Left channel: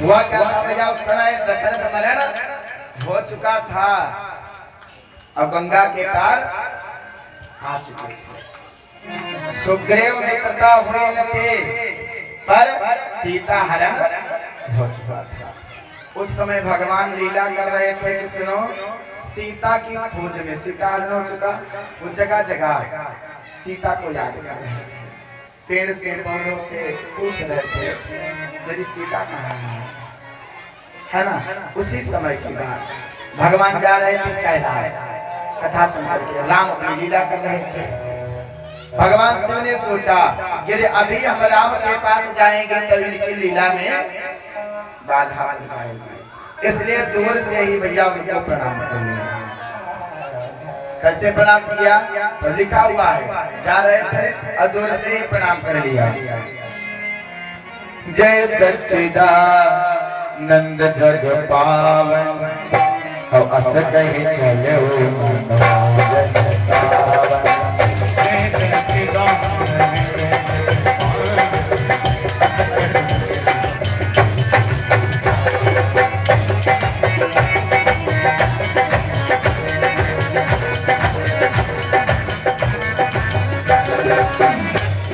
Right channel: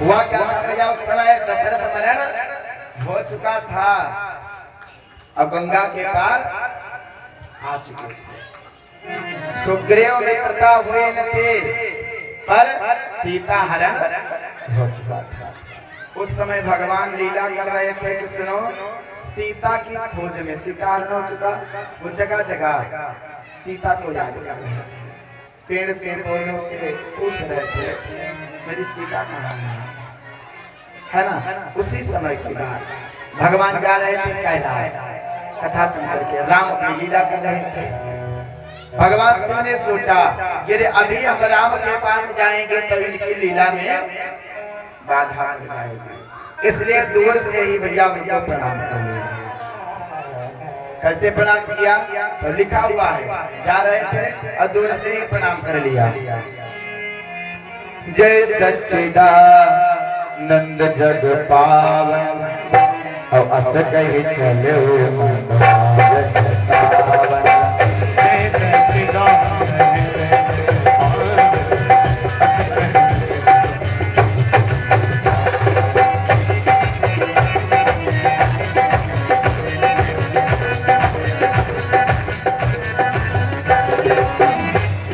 हुआ क्या था भैया, उस समय दशरथ मरण हो चुका था। अब गंगा के पार आ चुके थे। सुग्रीव मित्रता हुए न थे, पर सीता हरण हो चुका था। उस समय भगवान लीला कर रहे थे कि सुनो, सीता की खोज में, सीता हरण हो चुका, वो जगह जगह सीता को याद कर रहे थे। पेड़ से पौधों से पूछ रहे थे मेरी सीता कहाँ है ना। उसी समय की बात, भगवान जा रहे थे कैलाश, कथा सुनकर के राम अपनी लीला कर रहे थे। भगवान शिव ने सोचा यदि अभी हम राम के पास जाएंगे तो इनकी लीला में बाधा आ जाएगी, इसलिए दूर से ही भैया उनको प्रणाम कर लिया। कैसे प्रणाम किया तो लिखा हुआ है, जा रहे थे और दूर से ही प्रणाम कर लिया। जय सच्चिदानंद जग पावन, और अस कहे चलो मनोरंजन सावन।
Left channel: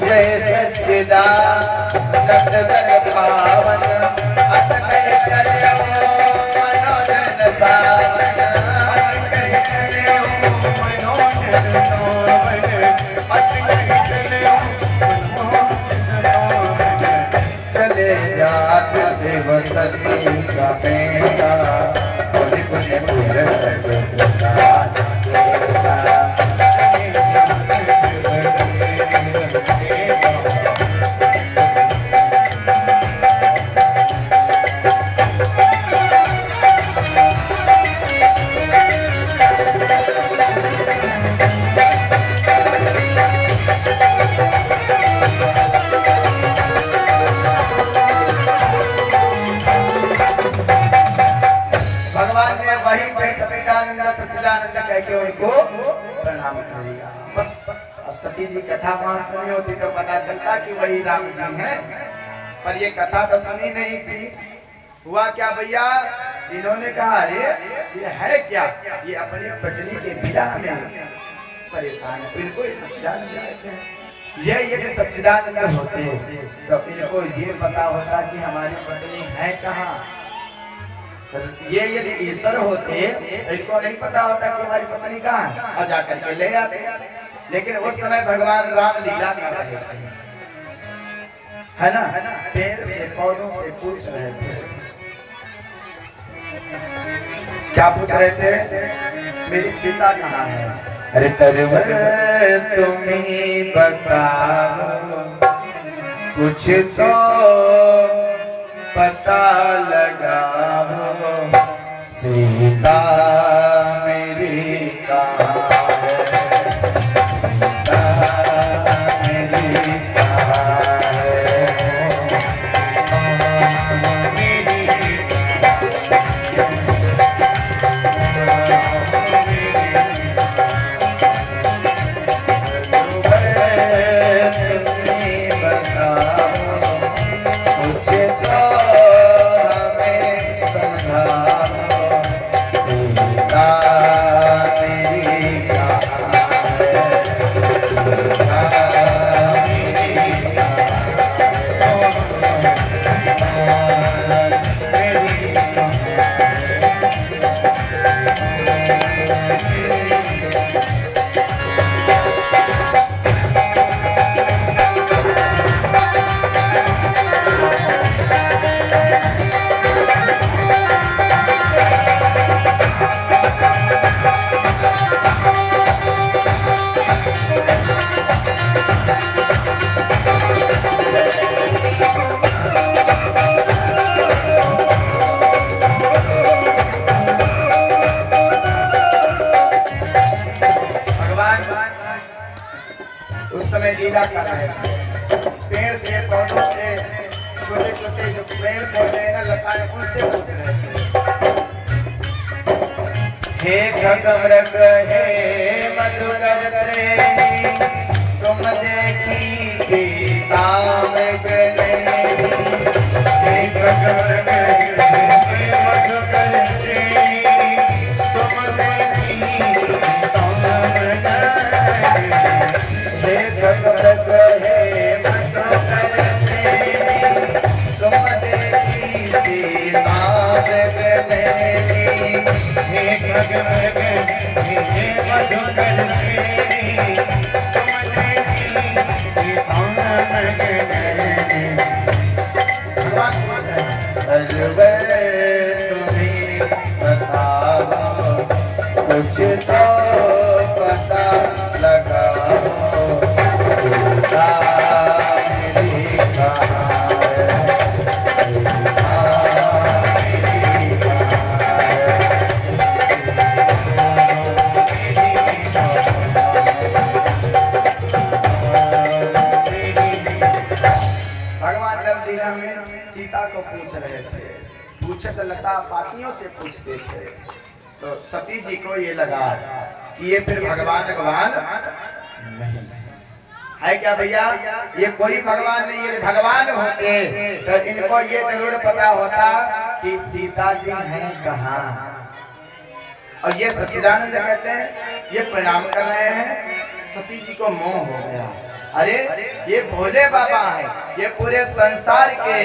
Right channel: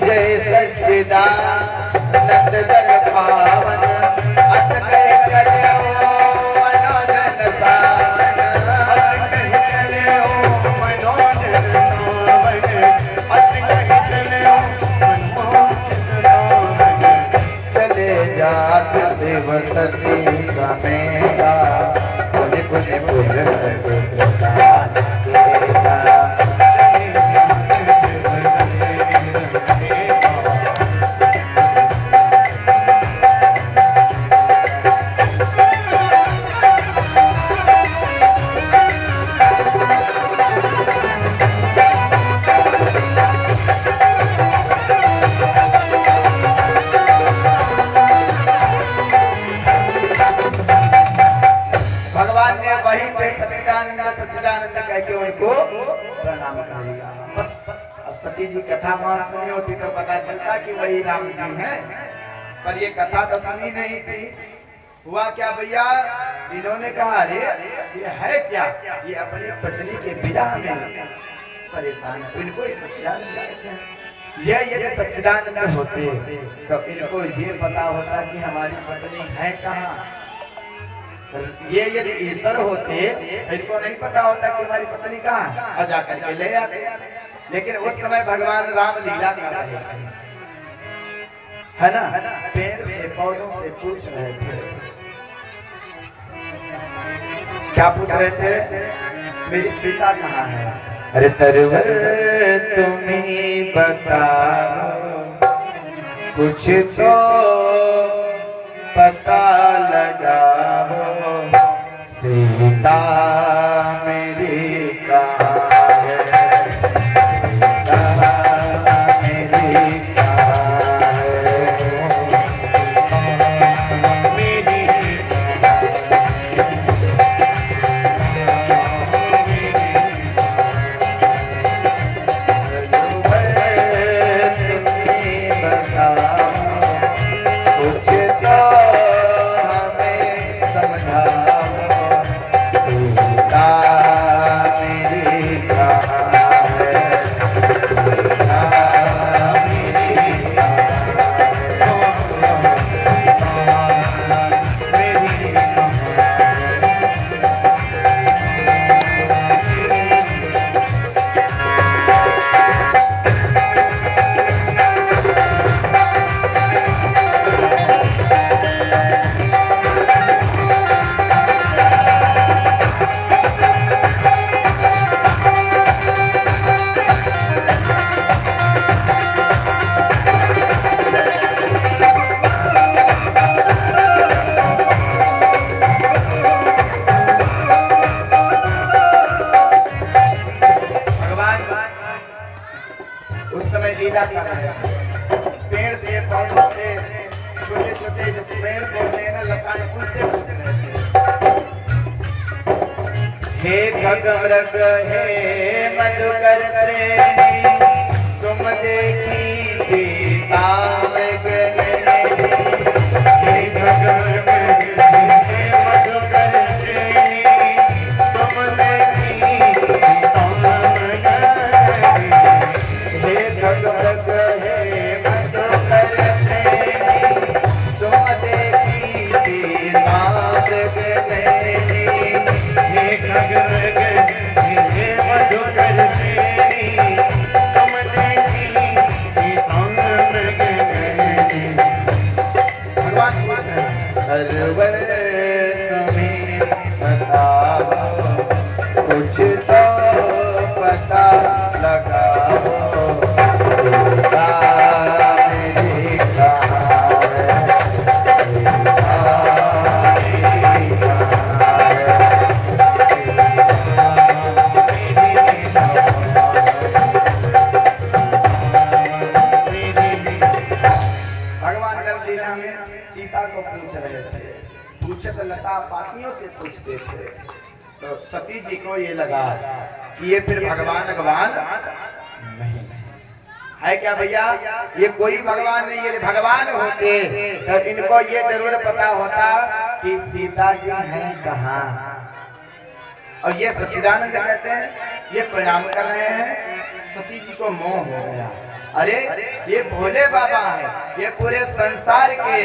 जय सच्चिदानंद जग पावन, अस कहे चलो मनोरंजन सावन। चले जात शिव सती समेता, पुण्य पुण्य पूजन सच्चिदानंद कह के उनको प्रणाम कर लिया। बस अब सती जी कथा वहां सुनी होती तो पता चलता कि वही राम जी हैं, पर ये कथा तो सुनी नहीं थी। हुआ क्या भैया, इन्होंने कहा अरे ये है क्या, ये अपनी पत्नी के विवाह में परेशान है, इनको ये सच्चिदानंद कहते हैं। ये यदि सच्चिदानंद होते तो इनको ये पता होता कि हमारी पत्नी है कहाँ। ये यदि ईश्वर होते तो इनको नहीं पता होता कि हमारी पत्नी कहाँ है और जाकर के ले आते। लेकिन उस समय भगवान राम लीला कर रहे थे, है ना, पेड़ से पौधों से पूछ रहे थे। क्या पूछ रहे थे, मेरी सीता कहाँ है। अरे तरवर तुम ही बताओ, कुछ तो पता लगाओ, सीता मेरी कहाँ है, सीता मेरी कहाँ है, मेरी कुछ तो हमें समझाओ, उनसे पूछ रहे थे, हे खगमृग हे मधुकर श्रेणी, तुम देखी सीता मृग नैनी। हे खगमृग हे मधुकर श्रेणी, तुम देखी सीता मृग नैनी। हे खगमृग हे मधुकर श्रेणी, तुम देखी सीता मृग नैनी। हे खगमृग हे मधुकर श्रेणी, तुम देखी सीता मृग नैनी। भगवान पूछ रहे हैं, सरवर तुम्हें बताओ, कुछ तो पता लगाओ, सीता मेरी कहाँ है, सीता मेरी कहाँ है। भगवान नरलीला में सीता को पूछ रहे थे, पूछे तो लता पातियों से पूछते थे, तो सती जी को ये लगा कि ये फिर भगवान नहीं है क्या भैया, ये कोई भगवान नहीं, ये भगवान होते तो इनको ये जरूर पता होता कि सीता जी हैं कहाँ। और ये सच्चिदानंद कहते हैं, ये प्रणाम कर रहे हैं, सती जी को मोह हो गया, अरे ये भोले बाबा है, ये पूरे संसार के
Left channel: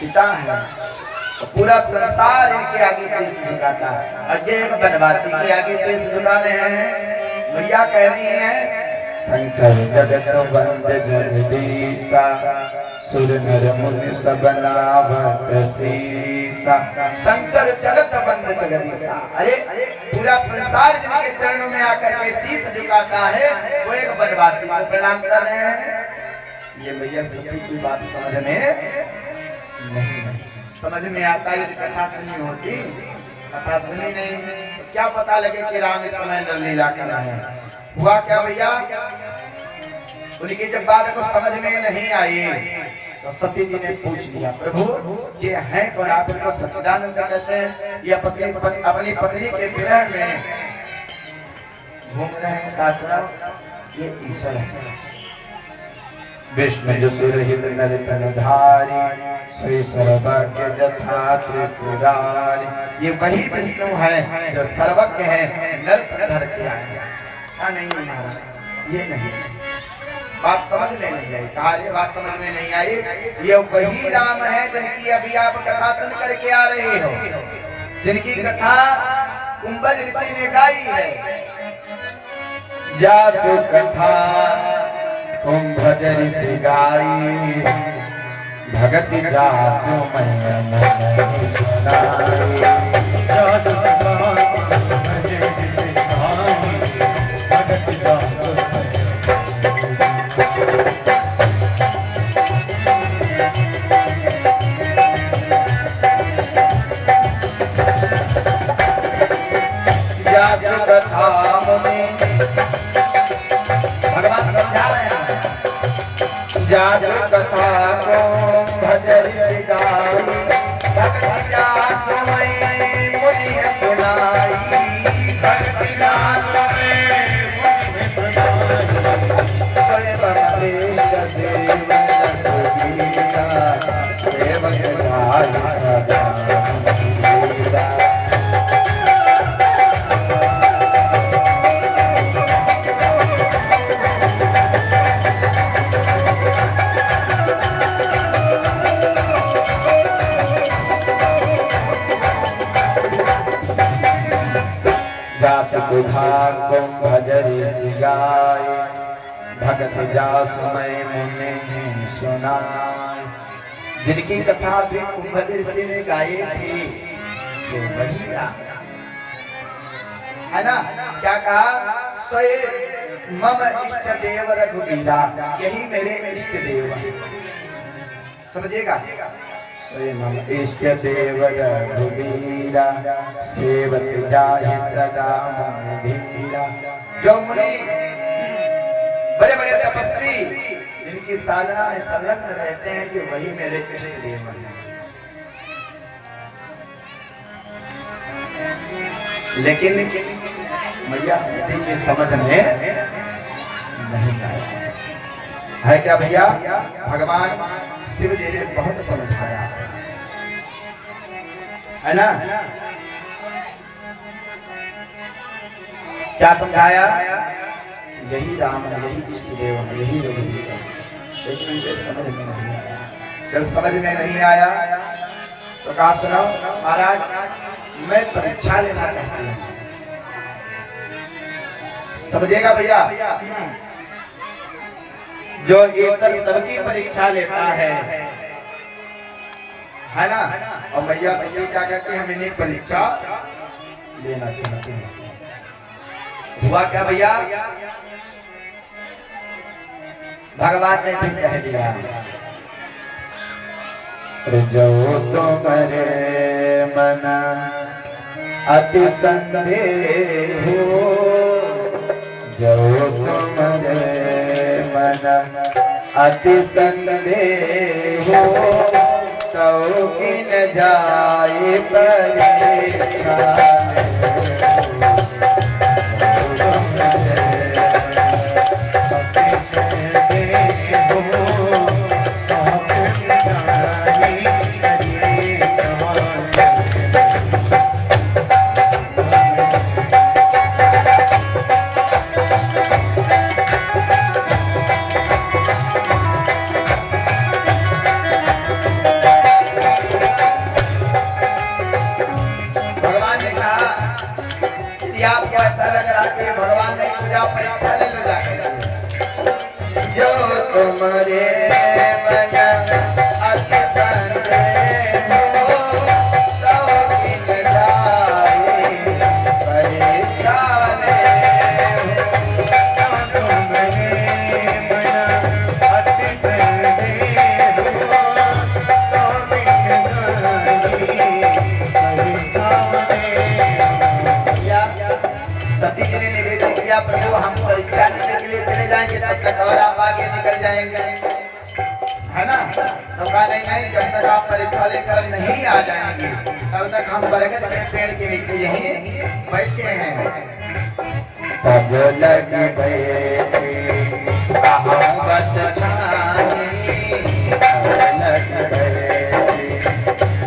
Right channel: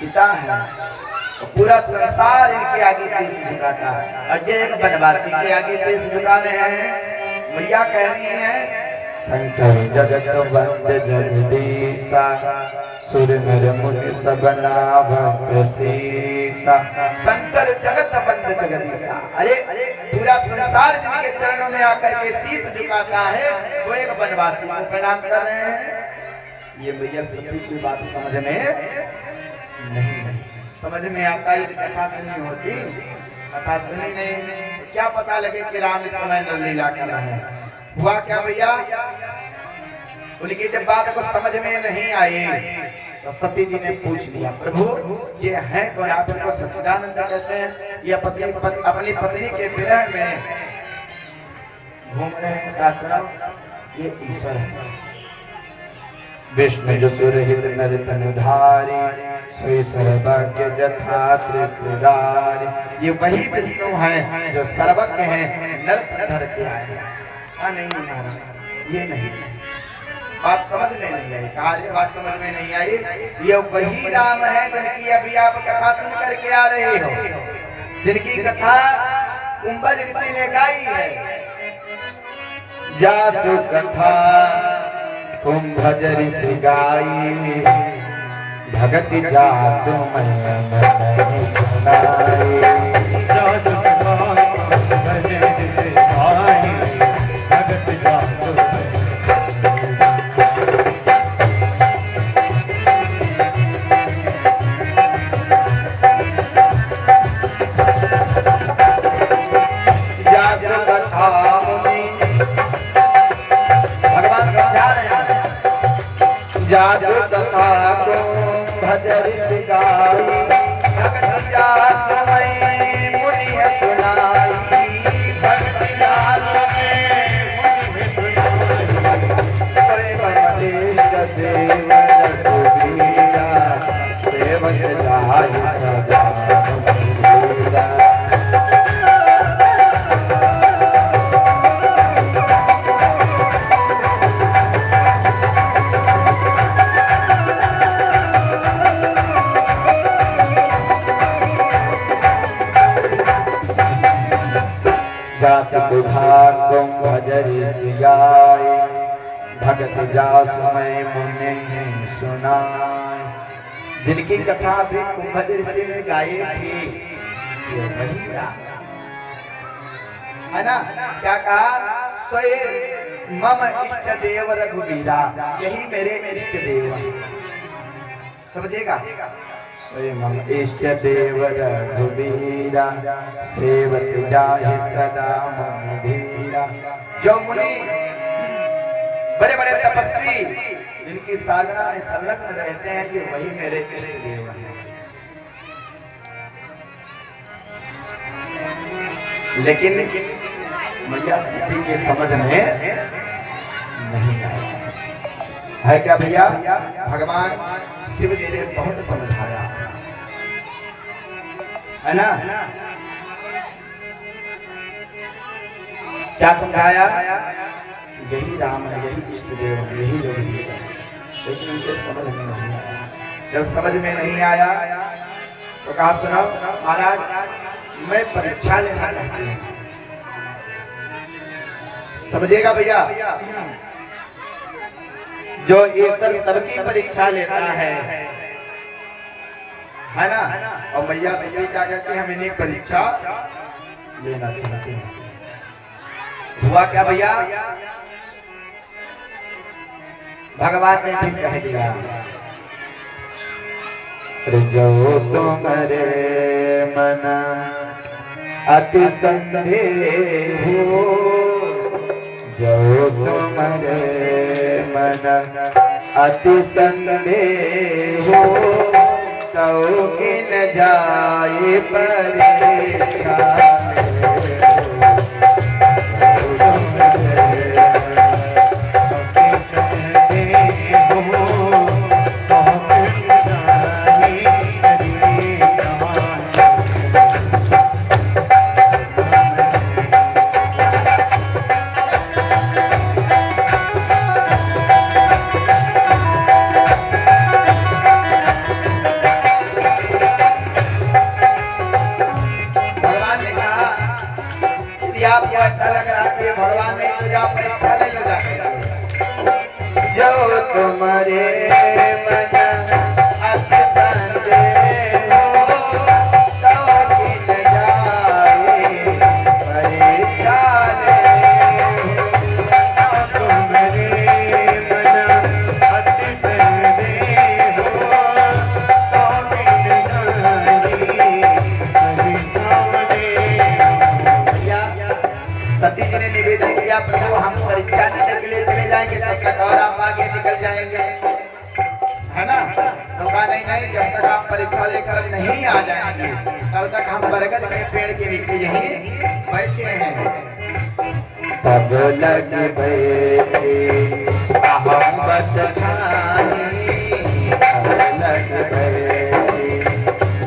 पिता है, तो पूरा संसार इनके आगे शीश झुकाता है, और ये एक बनवासी के आगे शीश झुका रहे हैं। भैया कह रही हैं, शंकर जगत वंद जगदीशा, सुर नर मुनि सब नावत शीसा। शंकर जगत वंद जगदीशा, अरे पूरा संसार जिनके चरणों में आकर के शीश झुकाता है, वो एक बनवासी को प्रणाम कर रहे हैं। ये भैया सभी की बात समझ में नहीं, समझ में आता यदि कथा सुनी होती, कथा सुनी नहीं तो क्या पता लगे कि राम इस समय नरलीला कर रहे हैं। हुआ क्या भैया, उनकी जब बात को समझ में नहीं आई तो सती जी ने पूछ लिया, प्रभु ये है कौन? आप इनको सच्चिदानंद कहते हैं, ये अपनी पत्नी के विरह में घूम रहे हैं काशराम, ये ईश्वर है। विष्णु जो सुरहित नर तनुधारी, सोई सर्वज्ञ जथा त्रिपुरारी। ये वही विष्णु है जो सर्वज्ञ है, नर धर के आए हैं। नहीं महाराज, ये नहीं, बात समझ में नहीं आई, कार्य बात समझ में नहीं आई। ये वही राम है जिनकी अभी आप कथा सुन करके आ रहे हो, जिनकी कथा कुंभज ऋषि ने गाई है। जासु कथा कुंभज ऋषि गाई, भगति जासु मैया मन सुनाई। जासु कथा कुंभज ऋषि गाई, भगति जासु जासु कथा को भजर सिगाई, भक्ति जास में मुनि है सुनाई, भक्ति जास में मुनि है सुनाई। स्वयं श्रेष्ठ जीवन रघुबीरा, सेवक जाहि सदा मुनिरा। जासु दुधा कुंभज ऋषि गाय, भगति जास में मुनि सुनाई। जिनकी कथा भी कुंभज ऋषि ने गाई थी, ये वही है ना। क्या कहा, स्वयं मम इष्ट देव रघुबीरा, यही मेरे इष्ट देव है। समझिएगा, स्वयं मम इष्ट देव रघुबीरा, सेवक जाहि सदा मम धीरा। जो मुनि बड़े बड़े तपस्वी जिनकी साधना में संलग्न रहते हैं कि वही मेरे इष्ट देव हैं। लेकिन मैया सती की समझ में नहीं आया है। क्या भैया, भगवान शिव जी ने बहुत समझाया है ना। क्या समझाया? यही राम है, यही इष्ट देव है, यही रघुवीर है। लेकिन उनके समझ में नहीं आया। जब समझ में नहीं आया तो कहा सुनाओ महाराज, मैं परीक्षा लेना चाहती हूँ। समझेगा भैया, जो ईश्वर सबकी परीक्षा लेता है ना। और मैया सती क्या कहते हैं, हम इन्हें परीक्षा लेना चाहते हैं। हुआ क्या भैया, भगवान ने ठीक कह दिया, जो तुम्हारे मन अति संदेह हो, जो तुम्हारे मन अति संदेह हो, तो किन जाए परीक्षा। आपको ऐसा लग रहा है कि भगवान ने पूजा परीक्षा ले लो जाकर। जो तुम्हारे मन अति संदेह हो, तो किन जाए परीक्षा ले। तुम्हारे मन अति संदेह हो, तो किन जाए। सती जी ने निवेदन किया, प्रभु हम परीक्षा लेने के लिए चले जाएंगे, तब तक और आप आगे निकल जाएंगे, है ना। तो कहा नहीं नहीं, जब तक आप परीक्षा लेकर नहीं आ जाएंगे तब तक हम बरगद के पेड़ के नीचे यहीं बैठे हैं। तब लगी बैठे अहमत छानी, तब लगी बैठे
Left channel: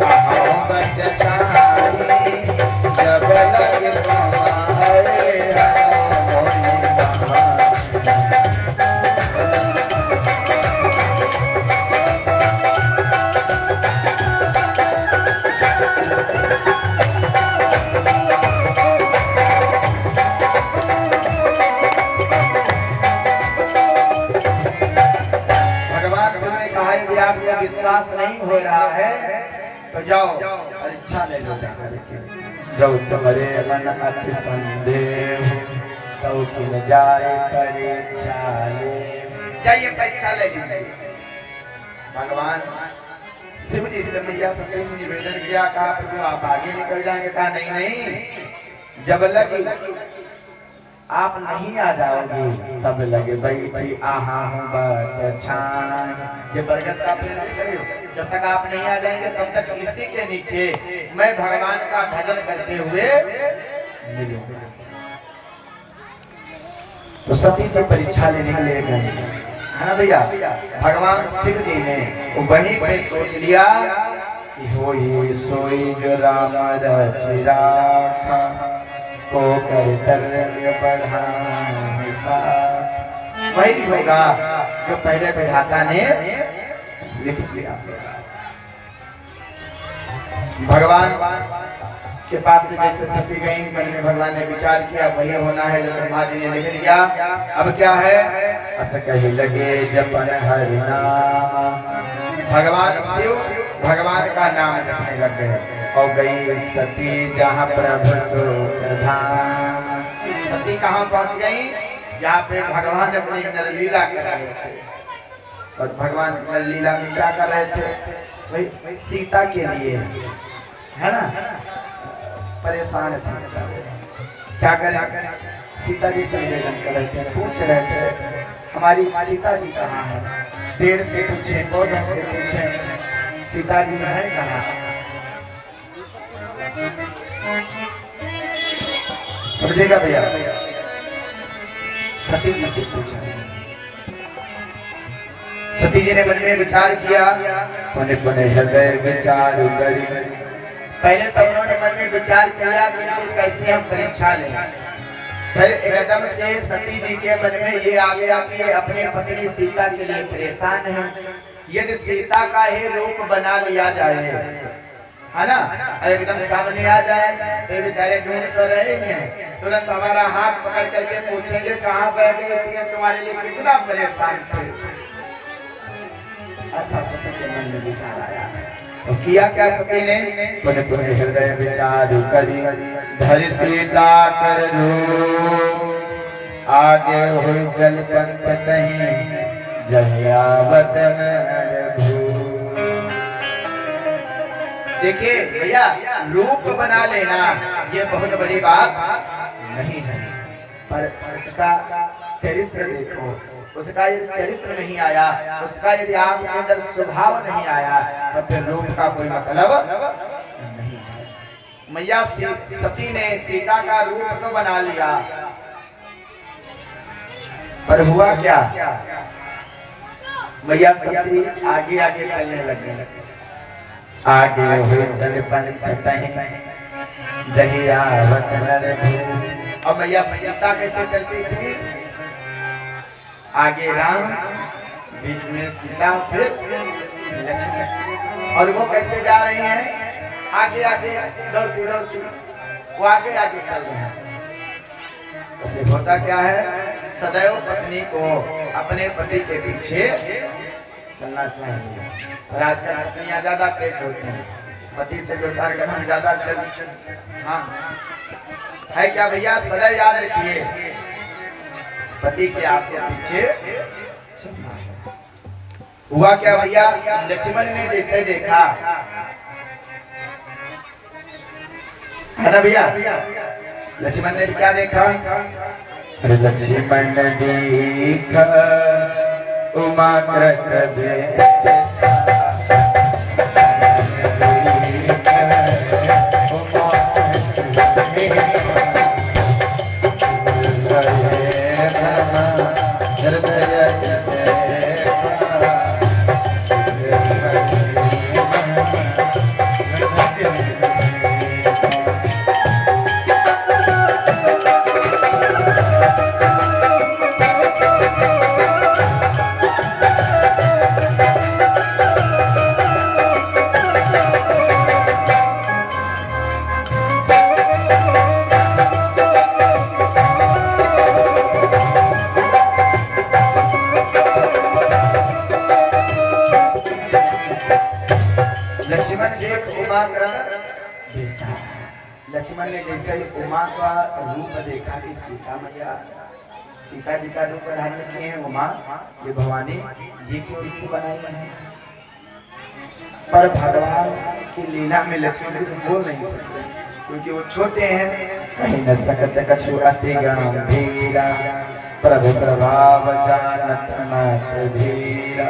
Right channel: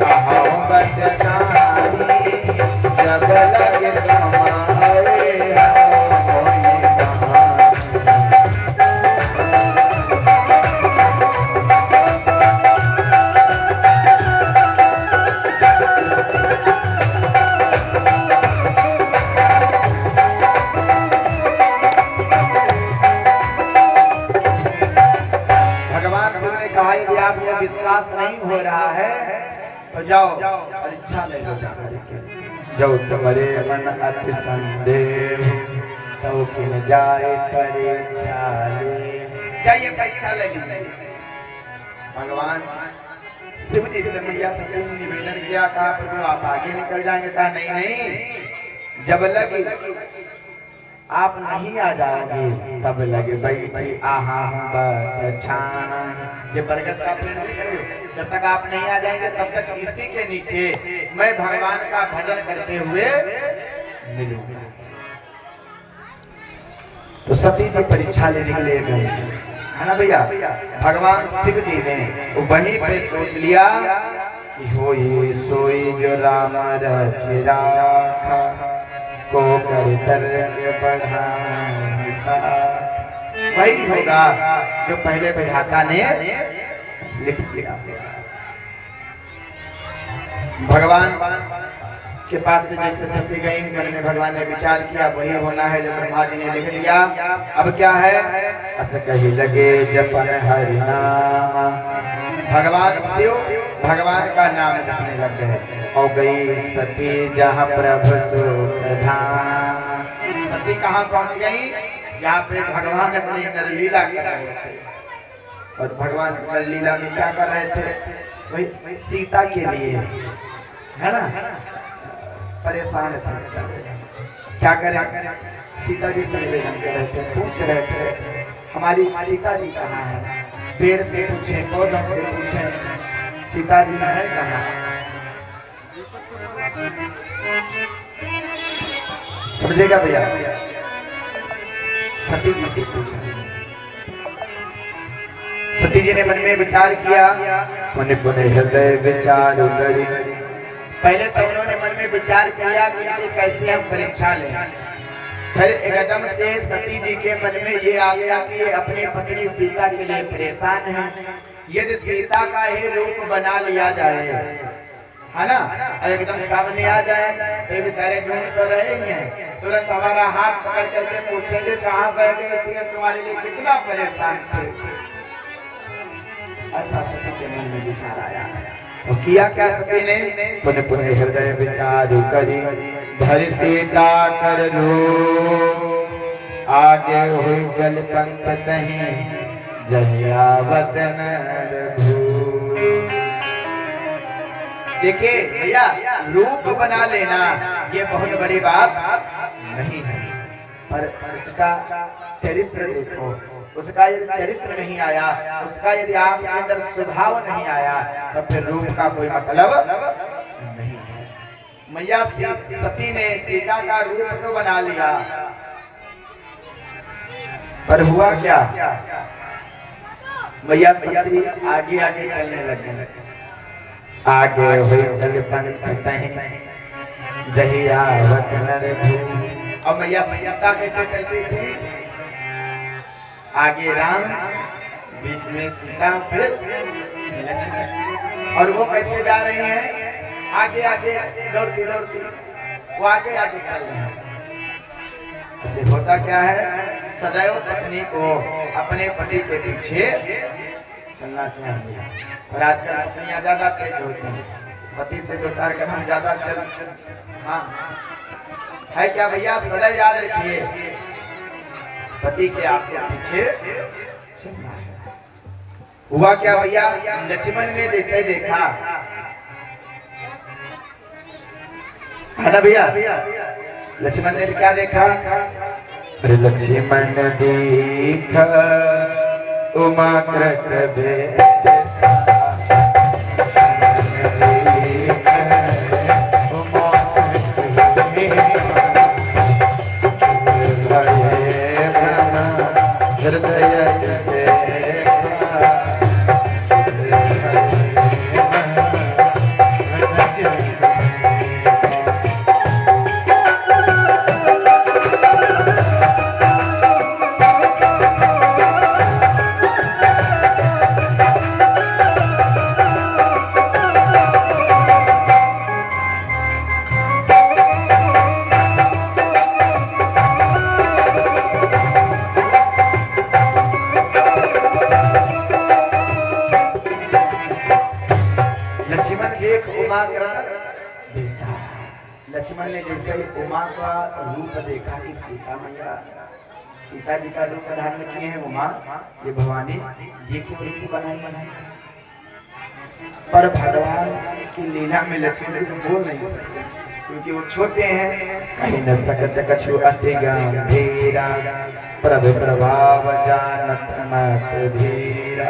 अहमत छानी, जब लगे आपको विश्वास नहीं हो रहा है तो जाओ परीक्षा ले लो जाकर के। जो तुम्हारे मन अति संदेह, तो किन जाए परीक्षा ले। जाइए परीक्षा ले लीजिए। भगवान शिव जी से मैया सती ने निवेदन किया, कहा प्रभु आप आगे निकल जाएंगे। कहा नहीं नहीं, जब लगे आप नहीं आ जाओगे तब लगे बैठी आहा हूँ ये बरगद का पेड़ है, जब तक आप नहीं आ जाएंगे तब तक इसी के नीचे मैं भगवान का भजन करते हुए मिलूंगा। तो सती जी परीक्षा लेने के लिए गए, है ना भैया। भगवान शिव जी ने वहीं पे सोच लिया कि होई सोई जो राम रचिरा को कर्तव्य बढ़ाने सा, वही होगा जो पहले विधाता ने लिख दिया। भगवान के पास से जैसे सती गई, मन में भगवान ने विचार किया वही होना है जो ब्रह्मा जी ने लिख दिया। अब क्या है, अस कही लगे जपन हरि नाम, भगवान शिव भगवान का नाम जपने लगे और गई सती जहाँ प्रभु सुख धाम। सती कहाँ पहुँच गई, जहाँ पे भगवान अपनी नरलीला कर रहे थे। और भगवान नरलीला में क्या कर रहे थे, वही सीता के लिए, है ना, परेशान थे। क्या करें, सीता जी से निवेदन कर रहे थे, पूछ रहे थे हमारी सीता जी कहाँ है? पेड़ से पूछे, पौधों से पूछे, सीता जी है कहाँ? समझेगा भैया? सती जी से पूछा। सती जी ने मन में विचार किया, पुण्य पुण्य हृदय विचार करी। पहले तो उन्होंने मन में विचार किया कि इनकी कैसे हम परीक्षा लें। फिर एकदम से सती जी के मन में ये आ गया कि ये अपनी पत्नी सीता के लिए परेशान है। यदि सीता का ही रूप बना लिया जाए, है ना, एकदम सामने आ जाए तो बेचारे ढूंढ तो रहे हैं, तुरंत हमारा हाथ पकड़ करके पूछेंगे कहाँ बैठ गई थी, तुम्हारे लिए कितना परेशान थे। ऐसा सती के मन में विचार आया। तो किया क्या सती ने? पुण्य पुण्य हृदय विचार करी, धरि सीता कर रूप, आगे हुई जल पंख तहीं, जयावत नर भूप। देखिए भैया, रूप बना लेना ये बहुत बड़ी बात नहीं है, पर उसका चरित्र देखो। उसका यदि चरित्र नहीं आया, उसका यदि आपके अंदर स्वभाव नहीं आया, तो फिर रूप का कोई मतलब नहीं है। मैया सती ने सीता का रूप तो बना लिया, पर हुआ क्या? मैया सती आगे आगे चलने लगी। आगे हुई चल पंख जहियावत नर भूप। अब मैया सीता कैसे चलती थी? आगे राम, बीच में सीता, फिर लक्ष्मण। और वो कैसे जा रही हैं? आगे आगे दौड़ती दौड़ती वो आगे आगे चल रहे हैं। ऐसे होता क्या है, सदैव पत्नी को अपने पति के पीछे चलना चाहिए। और आजकल पत्नियां ज्यादा तेज होती हैं, पति से 2-4 कदम ज्यादा चल। हाँ है क्या भैया? सदैव याद रखिए, पति के आपके पीछे चलना है। हुआ क्या भैया? लक्ष्मण ने जैसे देखा, है ना भैया? लक्ष्मण ने क्या देखा? अरे लक्ष्मण देखा उमा कृत लक्ष्मण ने जैसे ही उमा का रूप देखा कि सीता मैया, सीता जी का रूप धारण किए हैं उमा, ये भवानी, ये कितनी बनाई है। पर भगवान की लीला में लक्ष्मण जी बोल नहीं सकते, क्योंकि वो छोटे हैं। कहीं न सकत कछु अति गंभीरा, प्रभु प्रभाव जानत मत धीरा।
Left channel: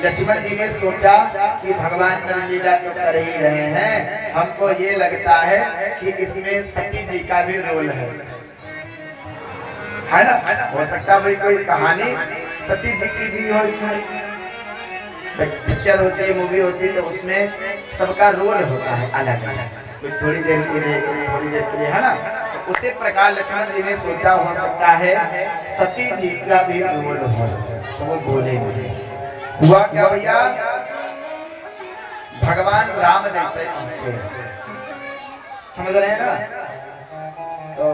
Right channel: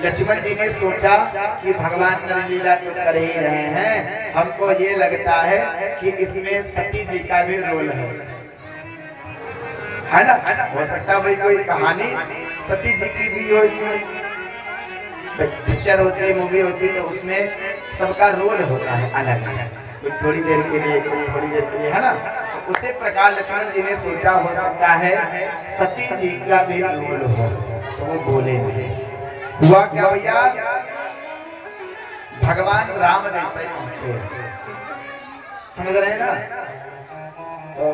लक्ष्मण जी ने सोचा कि भगवान लीला तो कर ही रहे हैं, हमको ये लगता है कि इसमें सती जी का भी रोल है ना? हो सकता है कोई कहानी सती जी की भी हो इसमें। पिक्चर होती है, मूवी होती है, तो उसमें सबका रोल होता है अलग अलग, कोई थोड़ी देर के लिए, कोई थोड़ी देर के लिए, है ना? तो उसी प्रकार लक्ष्मण जी ने सोचा हो सकता है सती जी का भी रोल हो, तो वो बोले नहीं। हुआ क्या भैया? भगवान राम जैसे पहुंचे, समझ रहे हैं ना? तो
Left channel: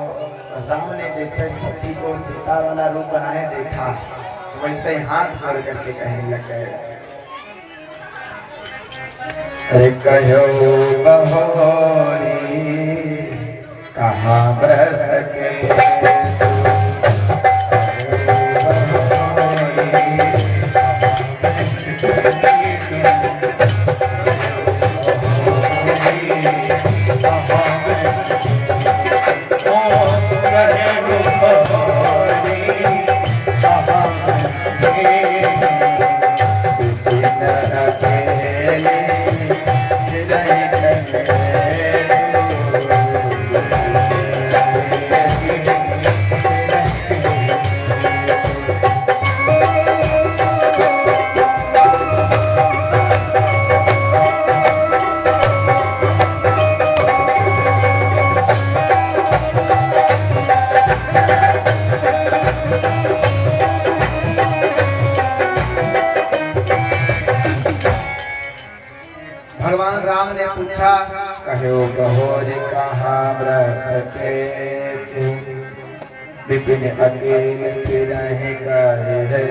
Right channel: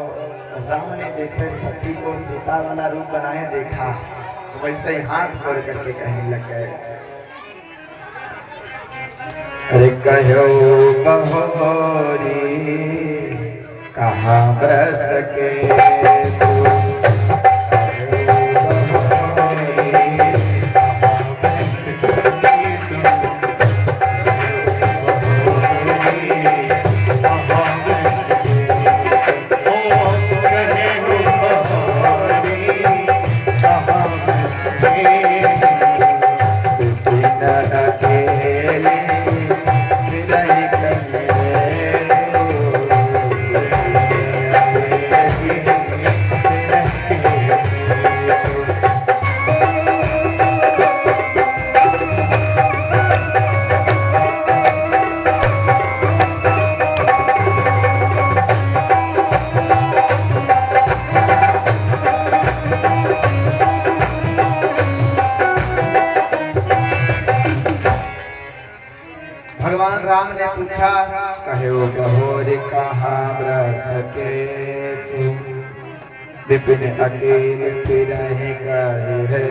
राम ने जैसे सती को सीता वाला रूप बनाए देखा, तो वैसे ही हाथ जोड़ करके कहने लग गए, अरे कहो बहोरी कहाँ बरस के भगवान राम ने पूछा, कहो बहोर कहाँ सके विपिन अकेले फिर कहे है,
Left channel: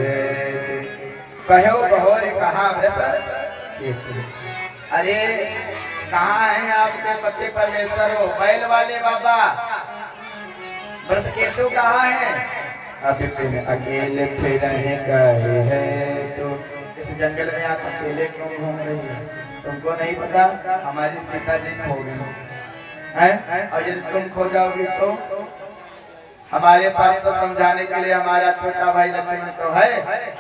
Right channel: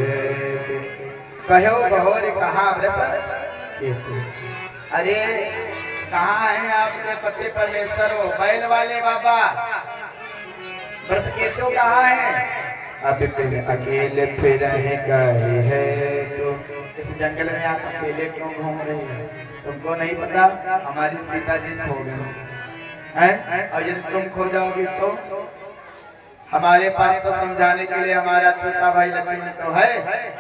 कहो बहोर कहाँ अरे कहाँ है आपके पति परमेश्वर हो बैल वाले बाबा, व्रत केतु कहाँ है? अब फिर अकेले फिर कहे है, तो इस जंगल में आप अकेले क्यों घूम रही है? तुमको नहीं पता हमारी सीता जी खो गई है, और यदि तुम खो जाओगी तो हमारे पास तो समझाने के लिए हमारा छोटा भाई लक्ष्मण तो है,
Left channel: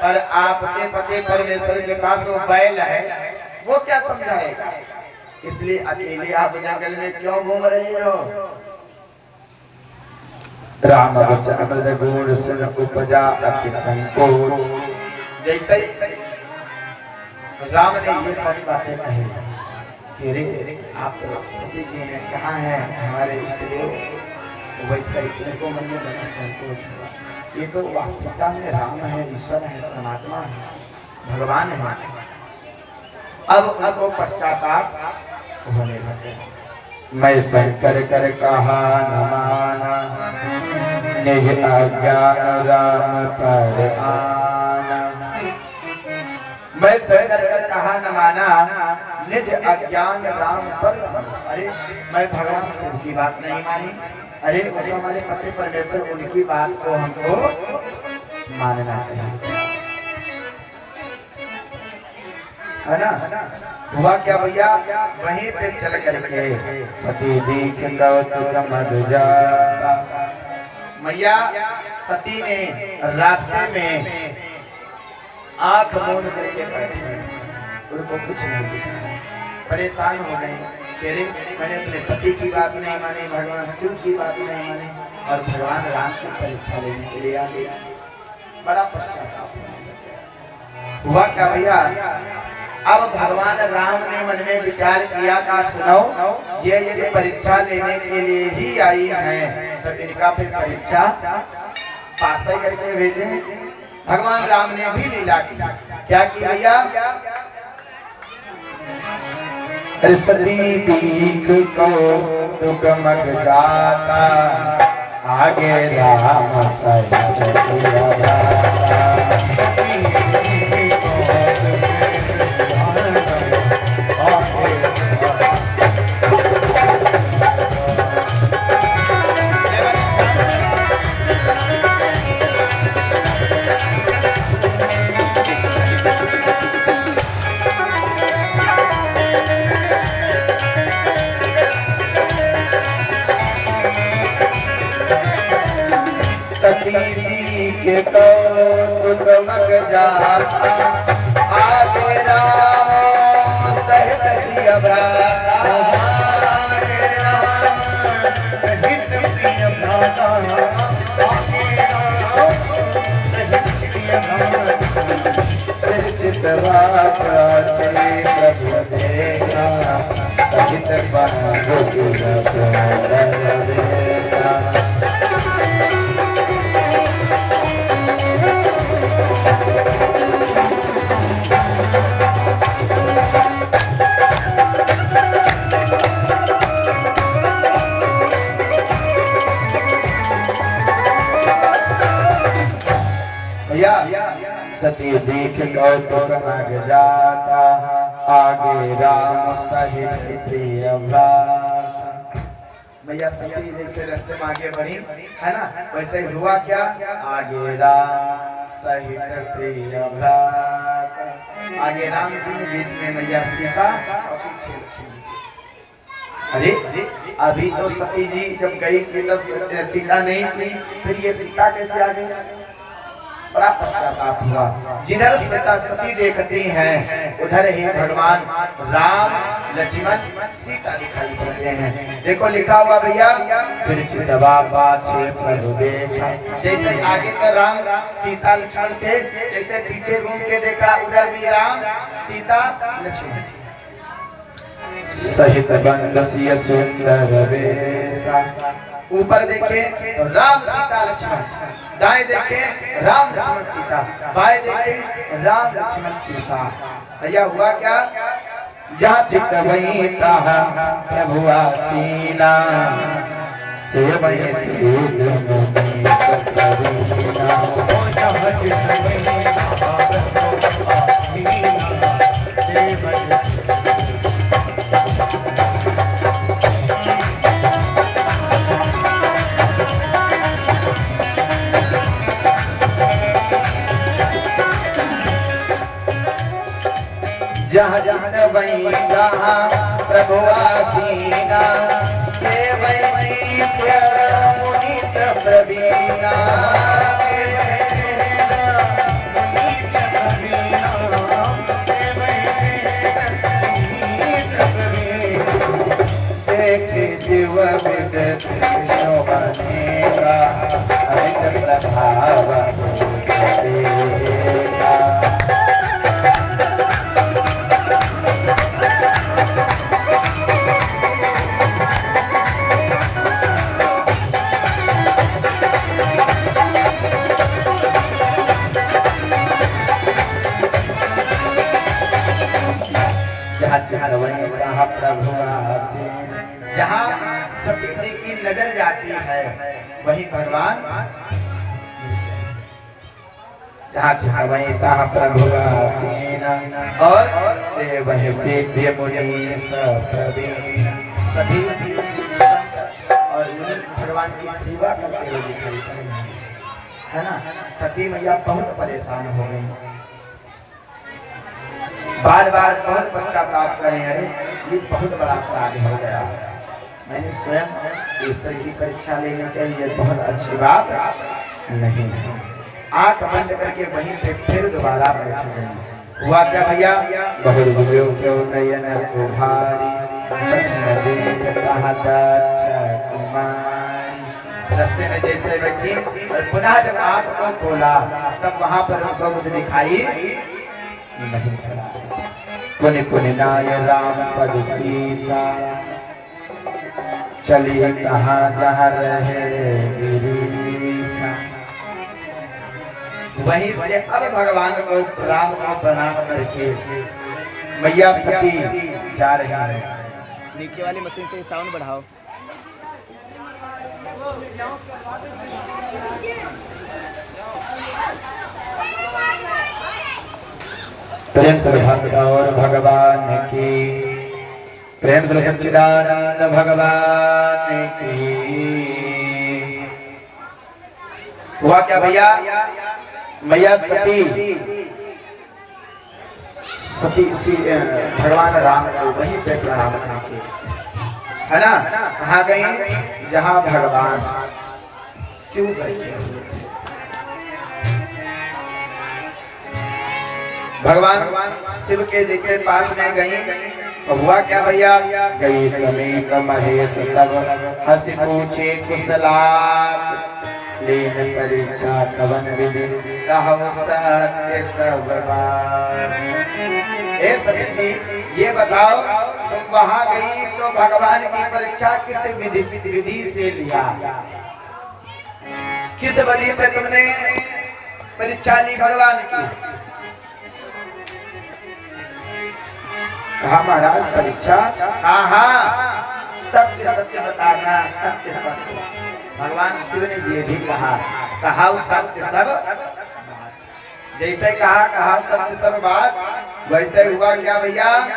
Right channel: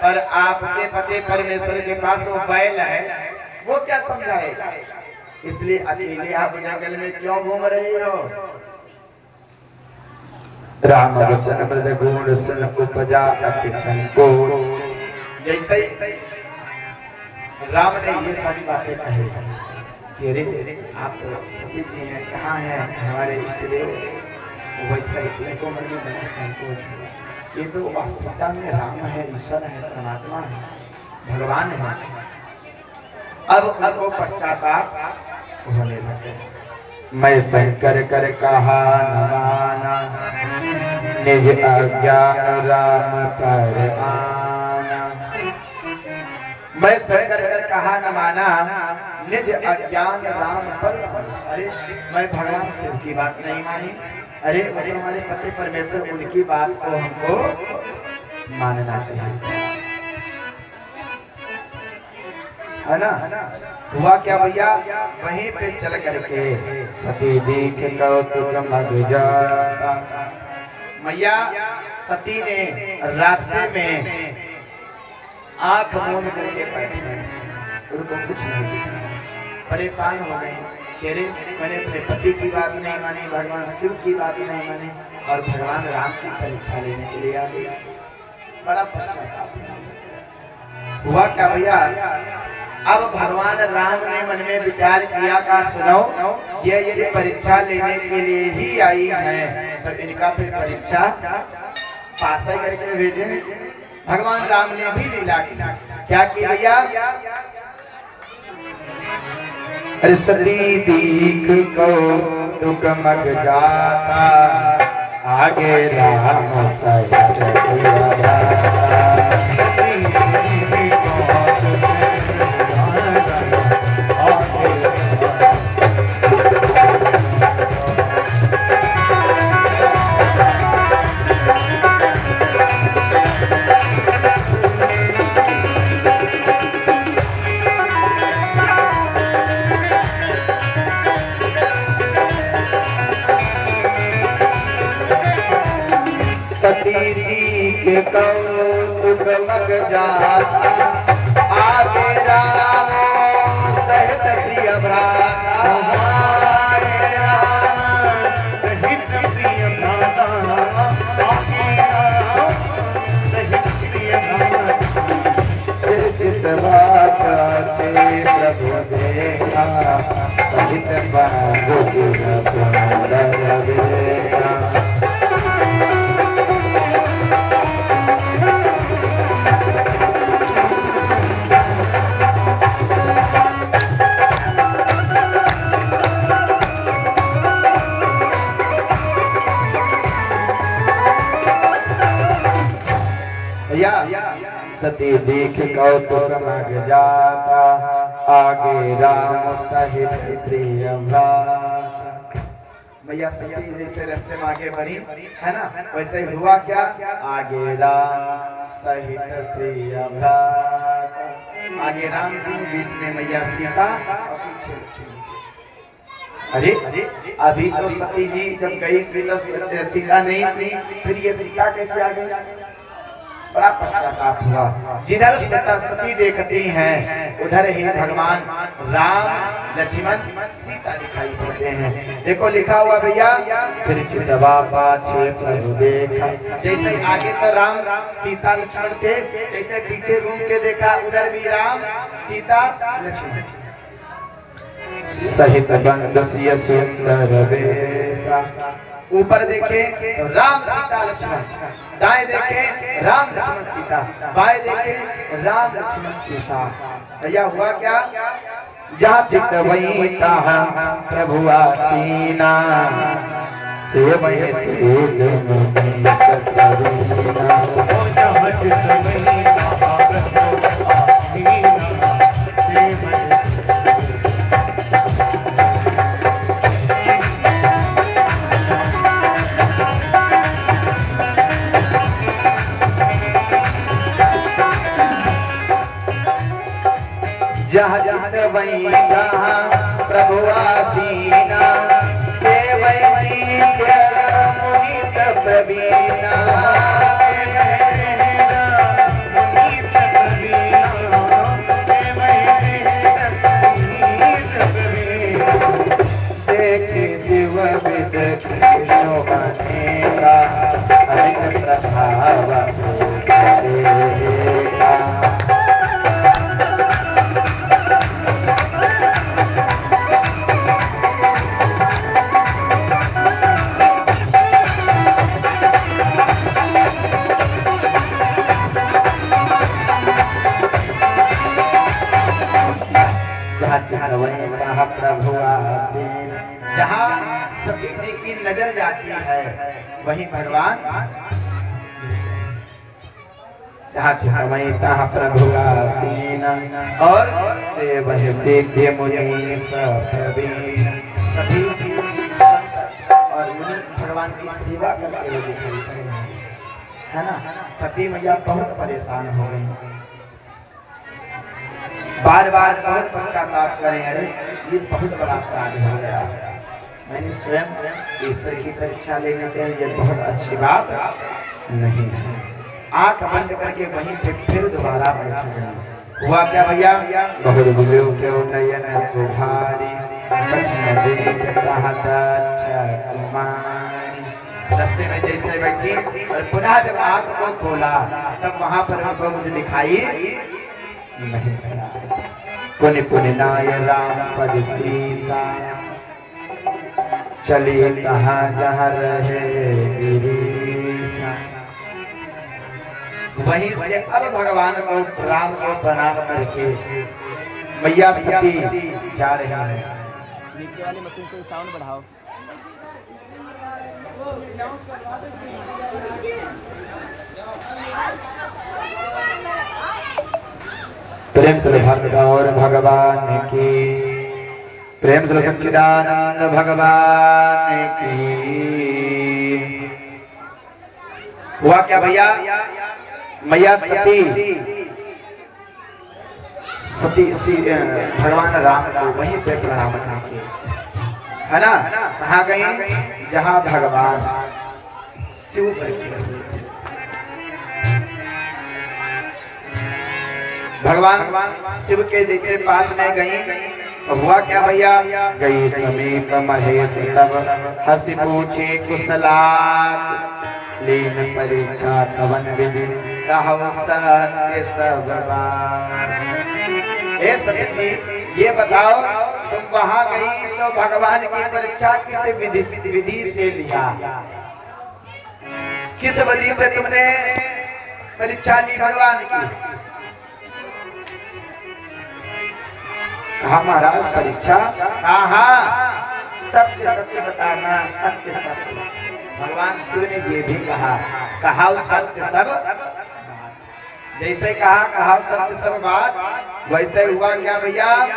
पर आपके पति परमेश्वर के पास वो बैल है, वो क्या समझाएगा? इसलिए अकेले आप जंगल में क्यों घूम रहे हो? राम वचन बद गुण सन उपजा अति संकोच। जैसे राम ने ये सारी बातें कही, तेरे आप तो सती जी हैं, कहाँ हैं हमारे इष्ट देव? वैसे इनको मन में बड़ा संकोच हुआ। ये तो वास्तविकता में राम है, ईश्वर है, परमात्मा है, भगवान है। अब उनको पश्चाताप होने लगे। मैं शंकर कर कहा न माना, निज अज्ञान राम पर आना। मैं शंकर कर कहा न माना, निज अज्ञान राम पर आना। अरे मैं भगवान शिव की बात नहीं मानी, अरे वो तो हमारे पति परमेश्वर, उनकी बात को हमको मानना चाहिए, है ना? हुआ क्या भैया, वहीं पे चल करके सती देख कौतुक मध जाता। मैया सती ने रास्ते में आंख मूंद करके बैठी, उनको कुछ नहीं दिखा, परेशान हो गई। कह रहे मैंने अपने पति की बात नहीं मानी, भगवान शिव की बात नहीं मानी, और भगवान राम की परीक्षा लेने के लिए आ गया। बड़ा पश्चाताप हुआ क्या भैया। अब भगवान राम ने मन में विचार किया था, सुनो ये यदि परीक्षा लेने के लिए ही आई है तो इनका फिर परीक्षा पास करके भेजे। भगवान राम ने भी लीला की, क्या की भैया? अरे सती दीख को दुख मग जाता, आगे राम सहित सिया जाता। के कौतुक मग जाता, आगे राम सहित सिय भ्राता। आगे राम सहित सिय भ्राता, चितवा प्रभु देखा, सहित बहादुर सती देख कौतुक मग जाता, आगे राम सहित श्री भ्राता। भैया सती जैसे रास्ते में आगे बढ़ी है ना, वैसे हुआ क्या? आगे राम सहित श्री भ्राता। आगे राम जी, बीच में मैया सीता और पीछे लक्ष्मण। अरे अभी तो सती जी जब गई थी तब सीता नहीं थी, फिर ये सीता कैसे आ गई? बड़ा पश्चाताप हुआ। जिधर सती देखती हैं उधर ही भगवान राम लक्ष्मण सीता दिखाई पड़ते हैं। देखो लिखा हुआ भैया, फिर चितवा पाछे प्रभु देखा। जैसे आगे तो राम सीता लक्ष्मण थे, जैसे पीछे घूम के देखा उधर भी राम सीता लक्ष्मण सहित बंद सिय सुंदर वेशा। ऊपर देखे तो राम सीता लक्ष्मण, दाएं देखे राम लक्ष्मण सीता, बाएं देखे राम लक्ष्मण सीता। भैया हुआ क्या? जहाँ चित वही तहाँ प्रभु आसीना सेवय सिद्ध मुनि सकरीना। जहाँ चित वही तहाँ प्रभु आसीना सेवय। जहाँ चित वही तहाँ प्रभु आसीना सेवय सिद्ध मुनि सकरीना। शिव विद कृष्ण बनेगा हरित प्रभाव देगा। जहाँ प्रभु आसीन, जहाँ सती जी की नजर जाती है वही भगवान। जहाँ वही तहाँ प्रभु आसीन और सेवय सिद्ध मुनि सप्रवीण। सभी संत और मुनि भगवान की सेवा करते हुए दिखाई पड़ रहे हैं, है ना। सती मैया बहुत परेशान हो गई, बार बार बहुत पश्चाताप करें, अरे ये बहुत बड़ा अपराध हो गया, मैंने स्वयं ईश्वर की परीक्षा लेनी चाहिए, बहुत अच्छी बात नहीं है। आंख बंद करके वहीं पे फिर दोबारा बैठ गए। हुआ क्या भैया? बहुत बुझो क्यों नयन को भारी रास्ते में जैसे बैठी और पुनः जब आंख को खोला तब वहां पर हमको कुछ दिखाई नहीं पड़ा। पुनि पुनि नाय राम पद सीसा चलिए कहाँ जहाँ रहे गिरीसा। वहीं से अब भगवान को राम को प्रणाम करके मैया सती जा रही है। नीचे वाली मशीन से साउंड बढ़ाओ। प्रेम से भक्त और भगवान की, प्रेम से सच्चिदानंद भगवान की। हुआ क्या भैया? मैया सती भगवान राम को वहीं पे प्रणाम करके, है ना, कहाँ गई? जहाँ भगवान शिव बैठे हुए थे। भगवान शिव के जैसे पास में गई तो हुआ क्या भैया? गई समीप महेश तब हंसी पूछे कुशलात लीन परीक्षा कवन विधि कहु सत्य सब बात। हे सती जी, ये बताओ तुम वहां गई तो भगवान की परीक्षा किस विधि से लिया? किस विधि से तुमने परीक्षा ली भगवान की? कहा महाराज परीक्षा? कहा सत्य सत्य बताना, सत्य सत्य। भगवान शिव ने ये भी कहा सत्य सब बात। जैसे कहा सत्य सब बात, वैसे हुआ क्या भैया?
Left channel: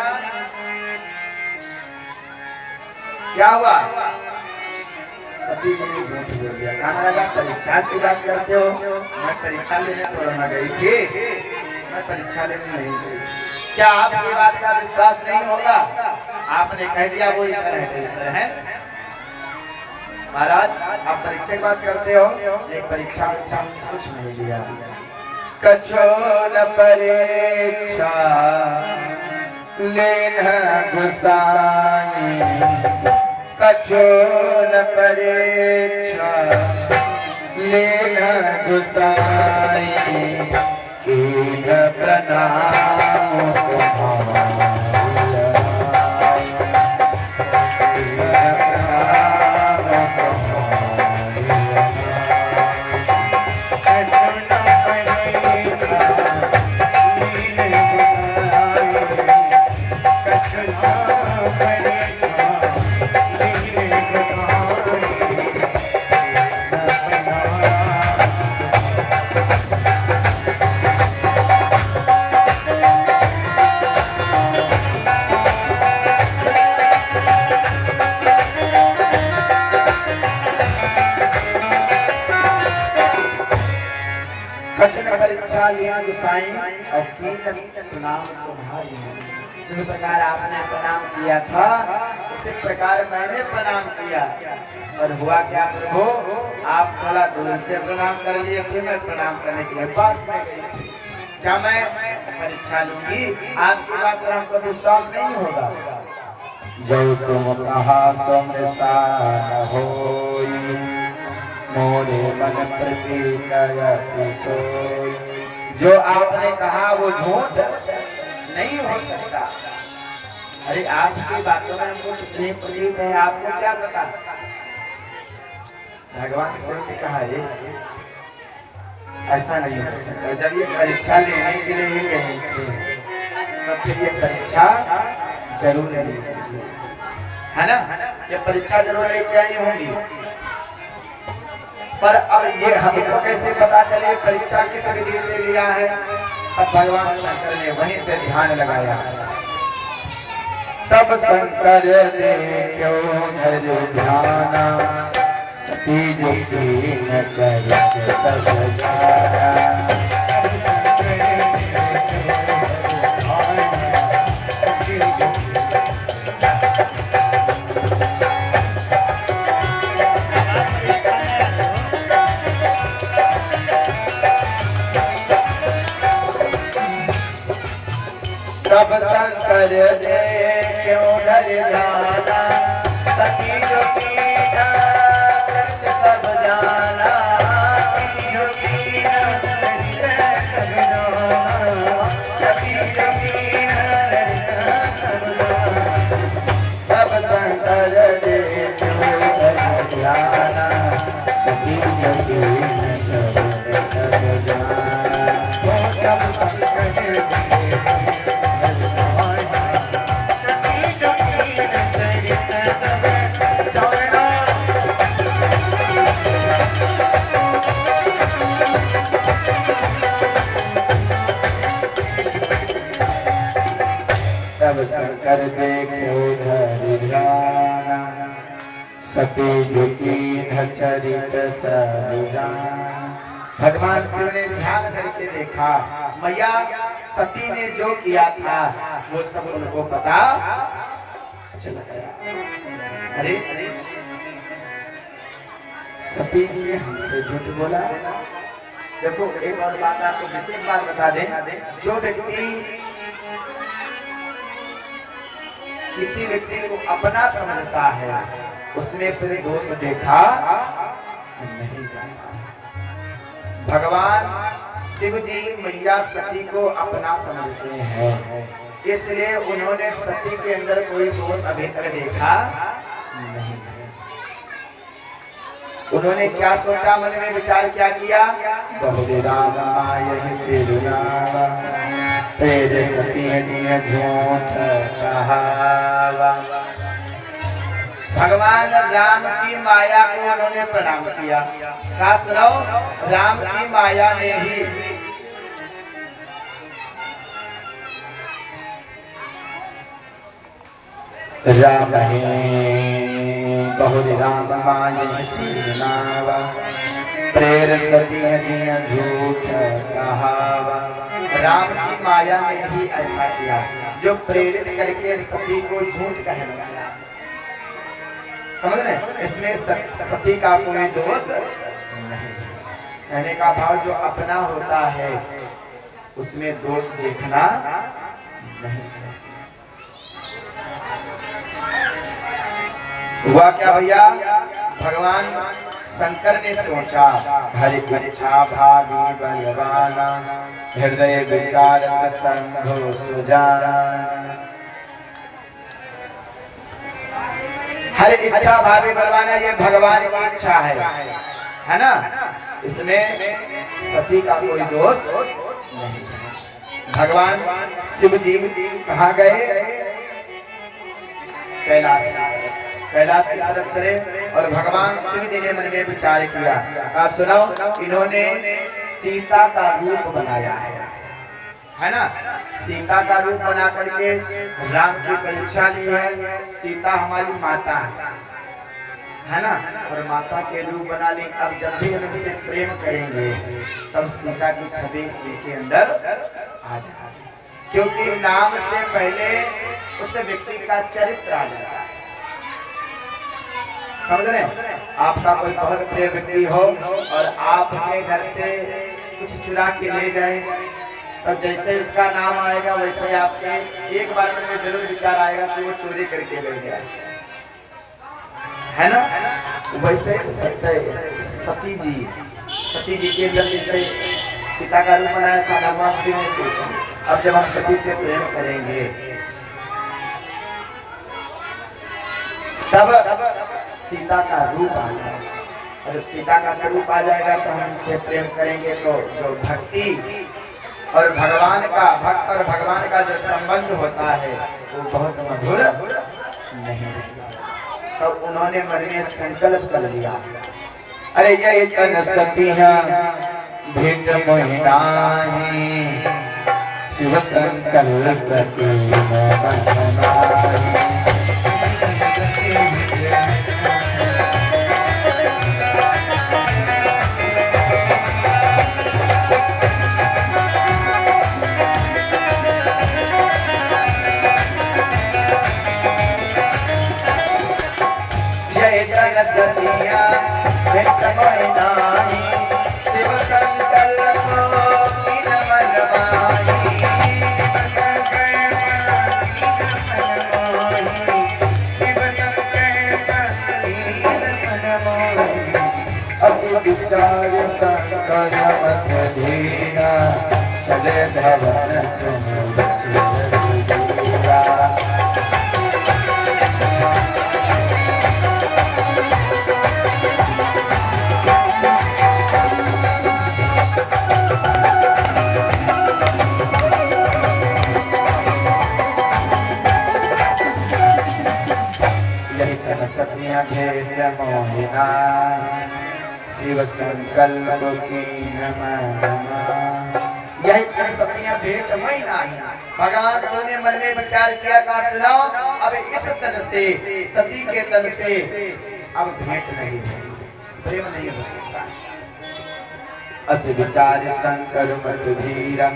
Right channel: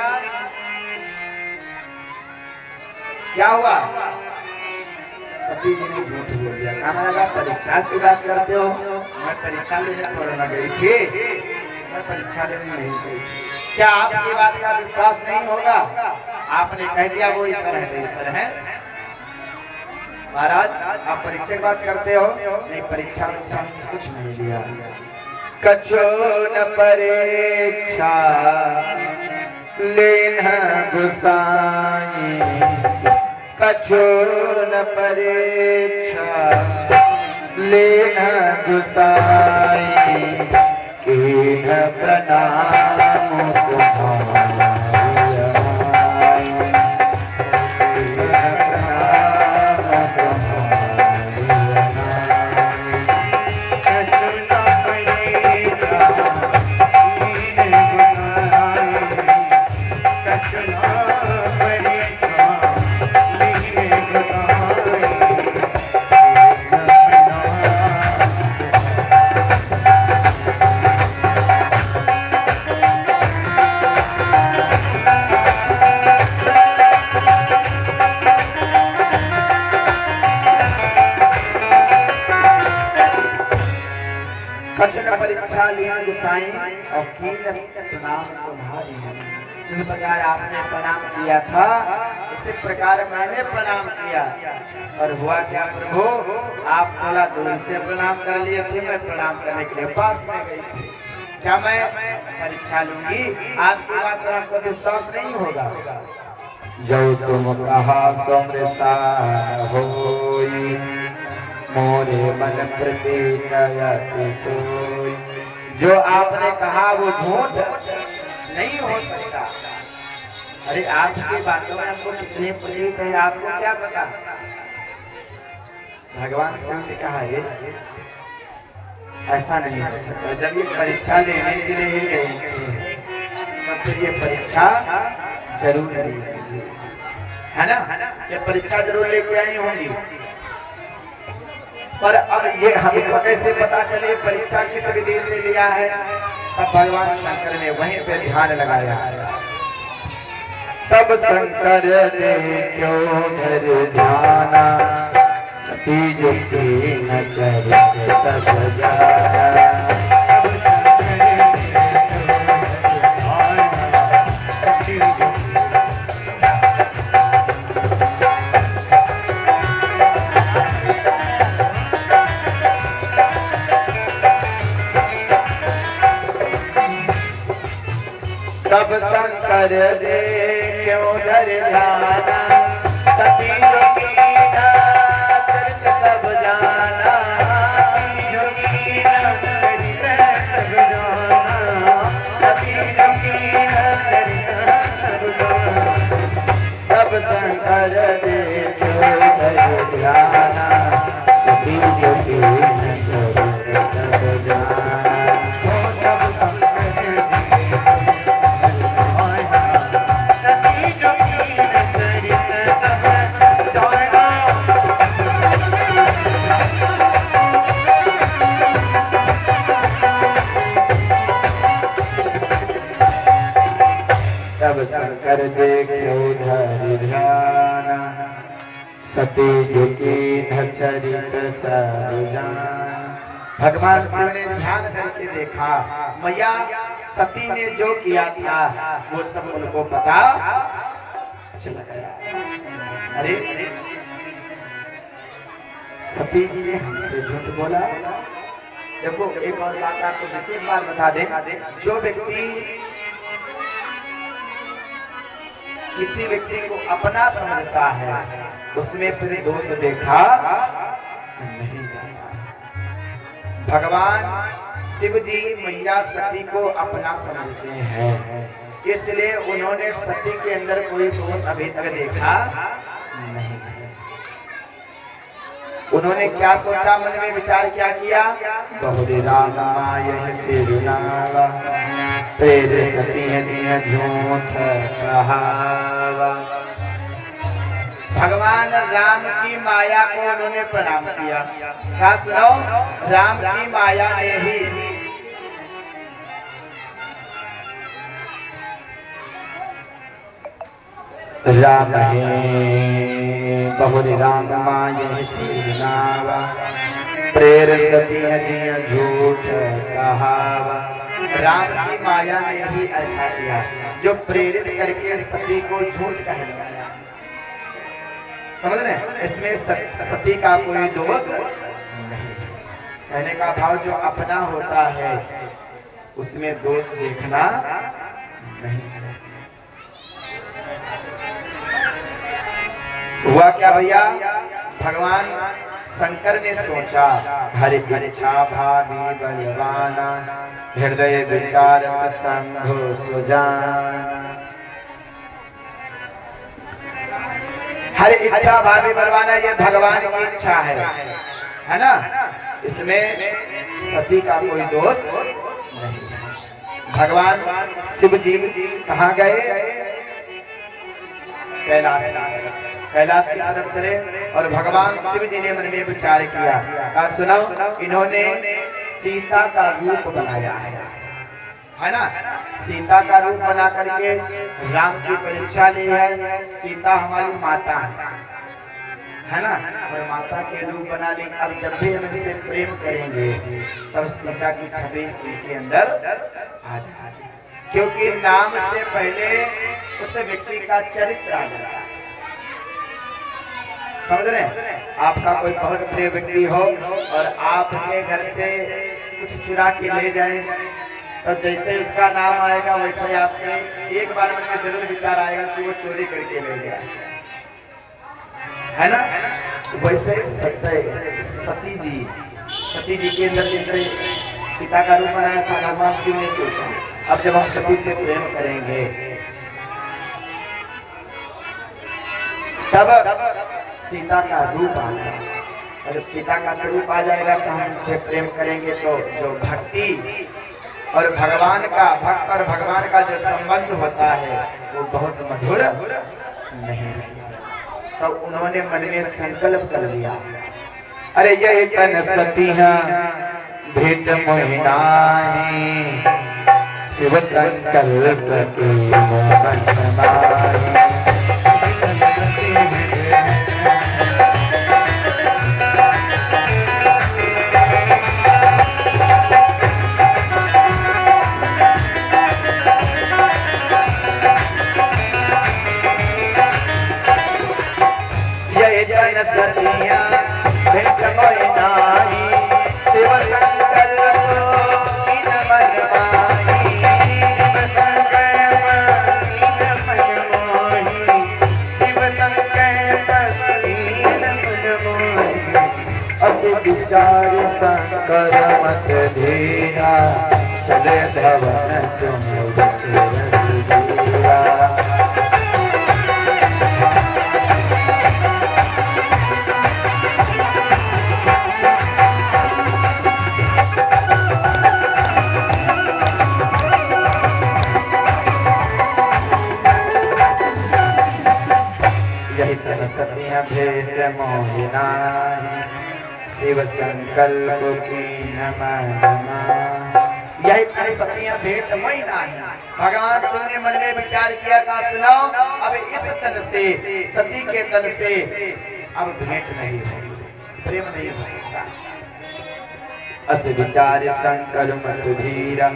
क्या हुआ? सती जी ने झूठ बोल दिया। कहने लगा परीक्षा की बात करते हो, मैं परीक्षा लेने थोड़ा ना गई थी, मैं परीक्षा लेने नहीं गई। क्या आपकी बात का विश्वास नहीं होगा? आपने कह दिया वो ईश्वर है तो ईश्वर है। महाराज आप परीक्षा की बात करते हो, एक परीक्षा कुछ नहीं दिया। कछो न परीक्षा लेना गुसाई, कछो न परीक्षा लेना गुसाई, कीन प्रणाम तुम्हारा। परीक्षा लिया गुसाई और की प्रणाम तुम्हारी। जिस प्रकार आपने प्रणाम किया था उसी प्रकार मैंने प्रणाम किया, और हुआ क्या प्रभु, आप थोड़ा दूर से प्रणाम कर लिए थे, मैं प्रणाम करने के लिए पास में गई थी। क्या मैं परीक्षा लूंगी? आपकी बात पर हमको विश्वास नहीं होगा। जो तुम कहा सो मृषा होई, मोरे मन प्रति सोई। जो आपने कहा वो झूठ नहीं हो सकता। अरे आपकी बातों में हमको कितने प्रतीत है, आपको क्या पता? भगवान शिव ने कहा है ऐसा नहीं हो सकता। जब ये परीक्षा लेने के लिए ही गए थे तो फिर ये परीक्षा जरूर लेंगे, है ना? ये परीक्षा जरूर लेके आई होंगी। पर अब ये हमको कैसे पता चले परीक्षा किस विधि से लिया है? तब भगवान शंकर ने वहीं पे ध्यान लगाया। तब शंकर ने क्यों धर ध्याना, सती जुटी न चरित सब जाना। तब शंकर ने क्यों धर ध्याना, सती जुटी न चरित सब जाना। सती जुटी न चरित सब जाना। तब शंकर ने क्यों धर ध्याना, सती जुटी न चरित सब जाना। तब शंकर शंकर देखो धरि ध्याना, सती जुटी न चरित सब जाना। भगवान शिव ने ध्यान करके देखा, मैया सती ने जो किया था वो सब उनको पता चला गया। अरे सती ने हमसे झूठ बोला। देखो एक और बात आपको विशेष बात बता दें, जो व्यक्ति किसी व्यक्ति को अपना समझता है उसमें फिर दोष देखा नहीं जाता। भगवान शिव जी मैया सती को अपना समझते हैं, इसलिए उन्होंने सती के अंदर कोई दोष अभी तक देखा नहीं। उन्होंने क्या सोचा, मन में विचार क्या किया? बहुरी राम माय सिरुनावा, तेरे सती जिय झूठ कहावा। भगवान राम की माया को उन्होंने प्रणाम किया। क्या सुनाओ? राम की माया ने ही राम बहुरी राम माय सिरुनावा, प्रेर सती जिय झूठ कहावा। राम की माया ने ही ऐसा किया जो प्रेरित करके सती को झूठ कहलवाया। समझ रहे? इसमें सती का कोई दोष नहीं। कहने का भाव जो अपना होता है उसमें दोष देखना नहीं। हुआ क्या भैया? भगवान शंकर ने सोचा, हरि इच्छा भावी बलवाना, हृदय विचार संभो सुजाना। हर इच्छा भावी बलवाना ये भगवान की इच्छा है ना? इसमें सती का कोई दोष नहीं। भगवान शिव जी कहाँ गए? कैलाश की तरफ चले और भगवान शिव जी ने मन में विचार किया। कहा सुनो, इन्होंने सीता का रूप बनाया है ना? सीता का रूप बना करके राम की परीक्षा ली है। सीता हमारी माता है, है ना, और माता के रूप बना ली। अब जब भी हम इनसे प्रेम करेंगे तब सीता की छवि इनके अंदर आ जाएगी, क्योंकि नाम से पहले उस व्यक्ति का चरित्र आ जाता है। समझ रहे हैं? आपका कोई बहुत प्रिय व्यक्ति हो और आपके घर से कुछ चुरा के ले जाए, तो जैसे उसका नाम आएगा वैसे ही आपके एक बार मन में जरूर विचार आएगा कि वो चोरी करके ले गया, है ना। वैसे सती जी के अंदर जैसे सीता का रूप बनाया था भगवान शिव ने सोचा, अब जब हम सती से प्रेम करेंगे तब सीता का रूप आएगा, और जब सीता का स्वरूप आ जाएगा तो हम इनसे प्रेम करेंगे तो जो भक्ति और भगवान का भक्त और भगवान का जो संबंध होता है वो बहुत मधुर नहीं रहेगा। तो उन्होंने मन में संकल्प कर लिया, अरे यही तन सतिया भेद मोहिनाही, शिव संकल्प की मनमाही। सतिया भेद मोहिनाही, शिव संकल्प की मनमाही। असि विचार संकर मत धीरा, चले भवन सुमिरन धीरा। सतिया भेद मोहिनाही, शिव संकल्प की मनमाही। यही तेरी सतियां भेंट मई नाही। भगवान शिव ने मन में विचार किया, कहा सुनाओ अब इस तन से, सती के तन से अब भेंट नहीं होगी, प्रेम नहीं हो सकता। अस विचार शंकर मत धीरा,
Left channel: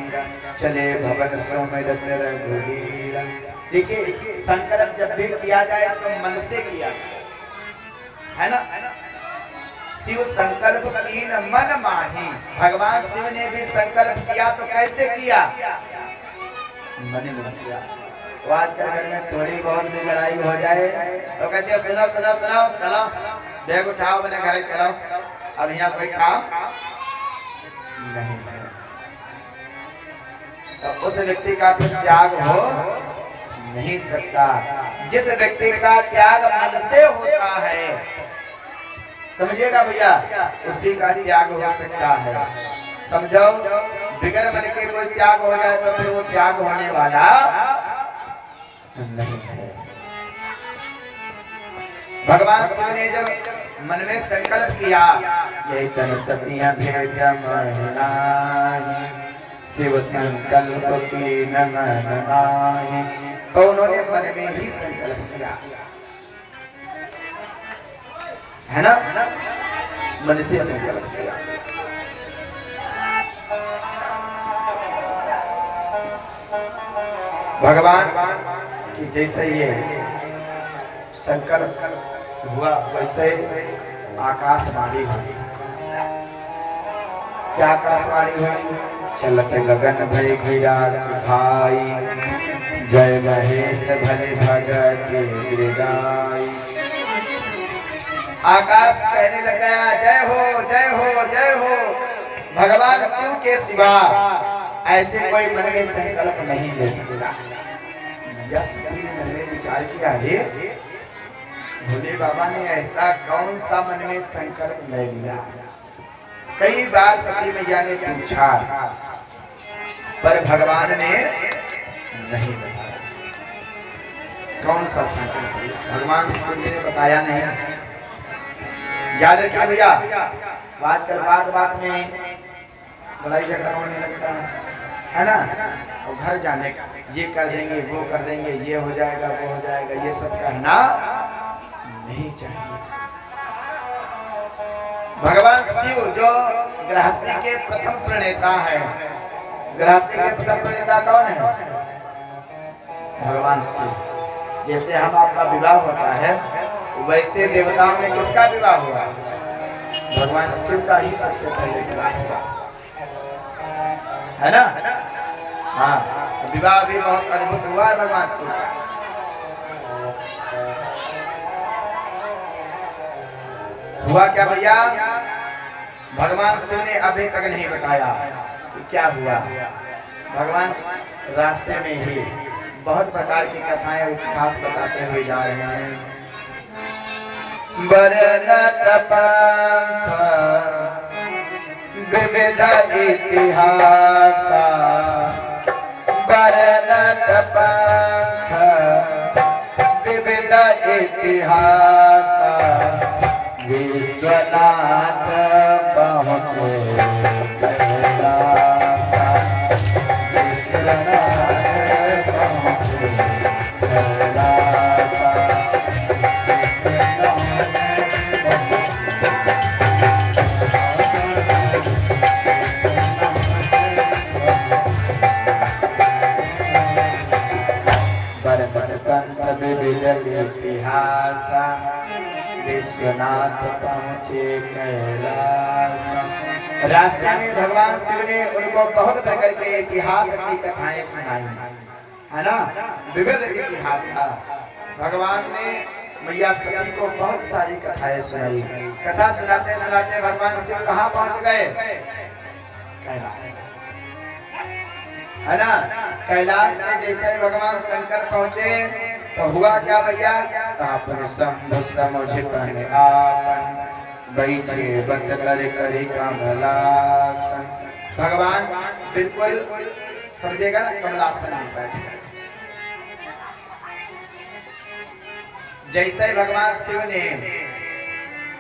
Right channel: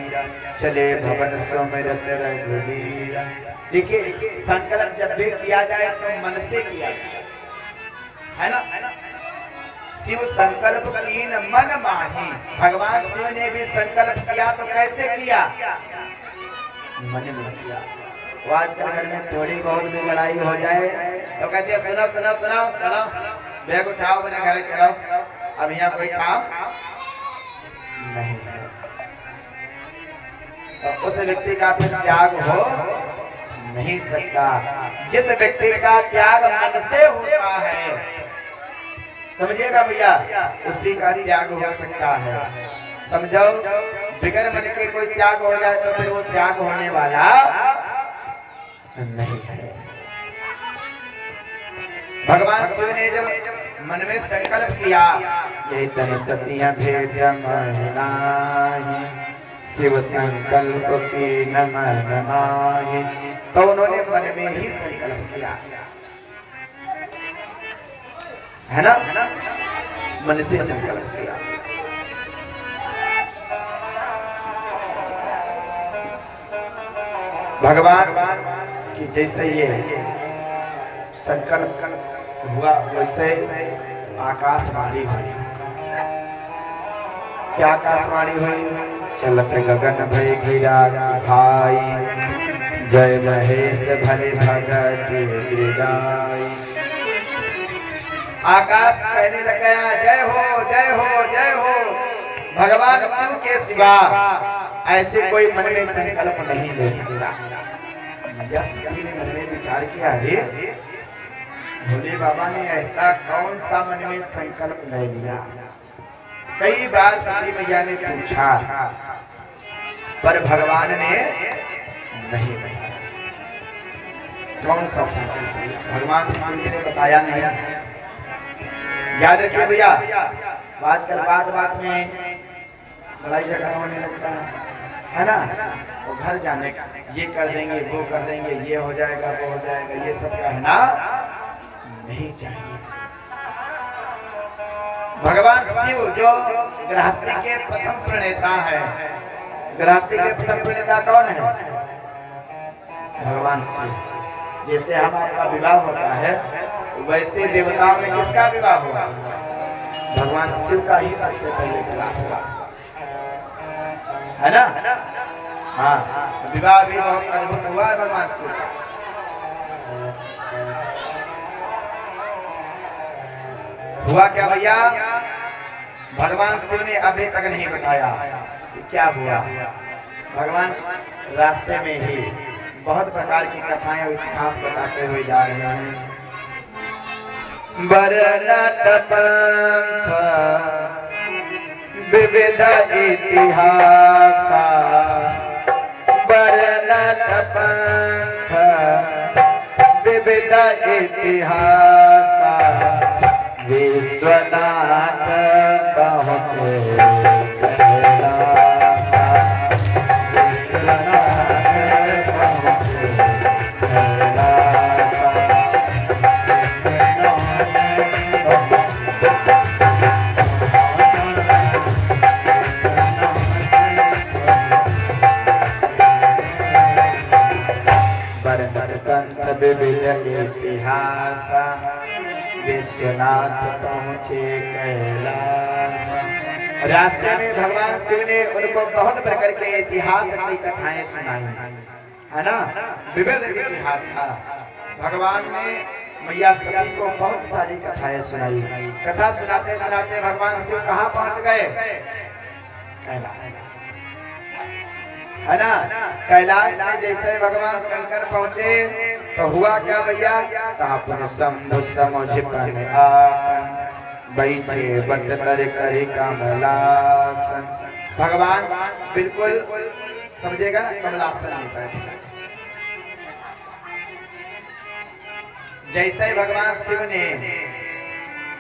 चले भवन सुमिरन रघुवीरा। देखिए संकल्प जब भी किया जाए तो मन से किया जाए, है ना। शिव संकल्प कीन मन माही। भगवान शिव ने भी संकल्प किया तो कैसे किया? मन में किया। वो आजकल घर में थोड़ी बहुत भी लड़ाई हो जाए तो कहते हैं सुनो सुनो सुनो, चलो बैग उठाओ, मैंने घर चलो, अब यहाँ कोई काम नहीं है। तो उस व्यक्ति का फिर त्याग हो नहीं सकता। जिस व्यक्ति का त्याग मन से होता है, समझिएगा भैया, उसी का त्याग हो सकता है। समझो, बिगर मन के कोई त्याग हो जाए तो फिर वो त्याग होने वाला नहीं है। भगवान शिव ने जब मन में संकल्प किया, यही तन सतिया भेद मोहिनाही, शिव संकल्प की मनमाही। तो उन्होंने मन में ही संकल्प किया, है ना, मन से संकल्प किया। भगवान की जैसे ये संकल्प हुआ वैसे आकाशवाणी हुई। क्या आकाशवाणी हुई? चलत गगन भय गिरा सुखाई, जय महेश भले भगत गिरगाई। आकाश कहने लगा जय हो जय हो जय हो। भगवान शिव के सिवा ऐसे कोई मन में संकल्प नहीं ले सकता। सती ने मन में विचार किया, अरे भोले बाबा ने ऐसा कौन सा मन में संकल्प ले लिया। कई बार सती मैया ने पूछा पर भगवान ने नहीं बताया कौन सा संकल्प लिया। भगवान शिव जी ने बताया नहीं। याद रखिए भैया, आजकल बात बात में लड़ाई झगड़ा होने लगता है ना। और घर जाने का ये कर देंगे वो कर देंगे, ये हो जाएगा वो हो जाएगा, ये सब कहना नहीं चाहिए। भगवान शिव जो गृहस्थी के प्रथम प्रणेता है, गृहस्थी के प्रथम प्रणेता कौन है? भगवान शिव। जैसे हम आपका विवाह होता है वैसे देवताओं में किसका विवाह हुआ? भगवान शिव का ही सबसे पहले विवाह हुआ, है ना? हाँ, विवाह भी बहुत अद्भुत हुआ है भगवान शिव का। हुआ क्या भैया? भगवान शिव ने अभी तक नहीं बताया कि क्या हुआ। भगवान रास्ते में ही बहुत प्रकार की कथाएं और इतिहास बताते हुए जा रहे हैं। बरनत पंथ विविध इतिहास, बरनत पंथ विविध इतिहास, विश्वनाथ पहुँचे कैलास, विश्वनाथ पहुँचे कैलास। विविध इतिहास, विश्वनाथ पहुँचे कैलास। रास्ते में भगवान शिव ने उनको बहुत प्रकार के इतिहास की कथाएं सुनाई, है ना? विविध इतिहास था। भगवान ने मैया सती को बहुत सारी कथाएं सुनाई। कथा सुनाते सुनाते भगवान शिव कहाँ पहुँच गए? कैलाश, है ना? कैलाश में जैसे भगवान शंकर पहुँचे तो हुआ क्या भैया? आपन शंभु समुझपन आपन, बैठे बट कर करी कमलासन। भगवान बिल्कुल समझेगा ना, कमलासन में बैठे। जैसे भगवान शिव ने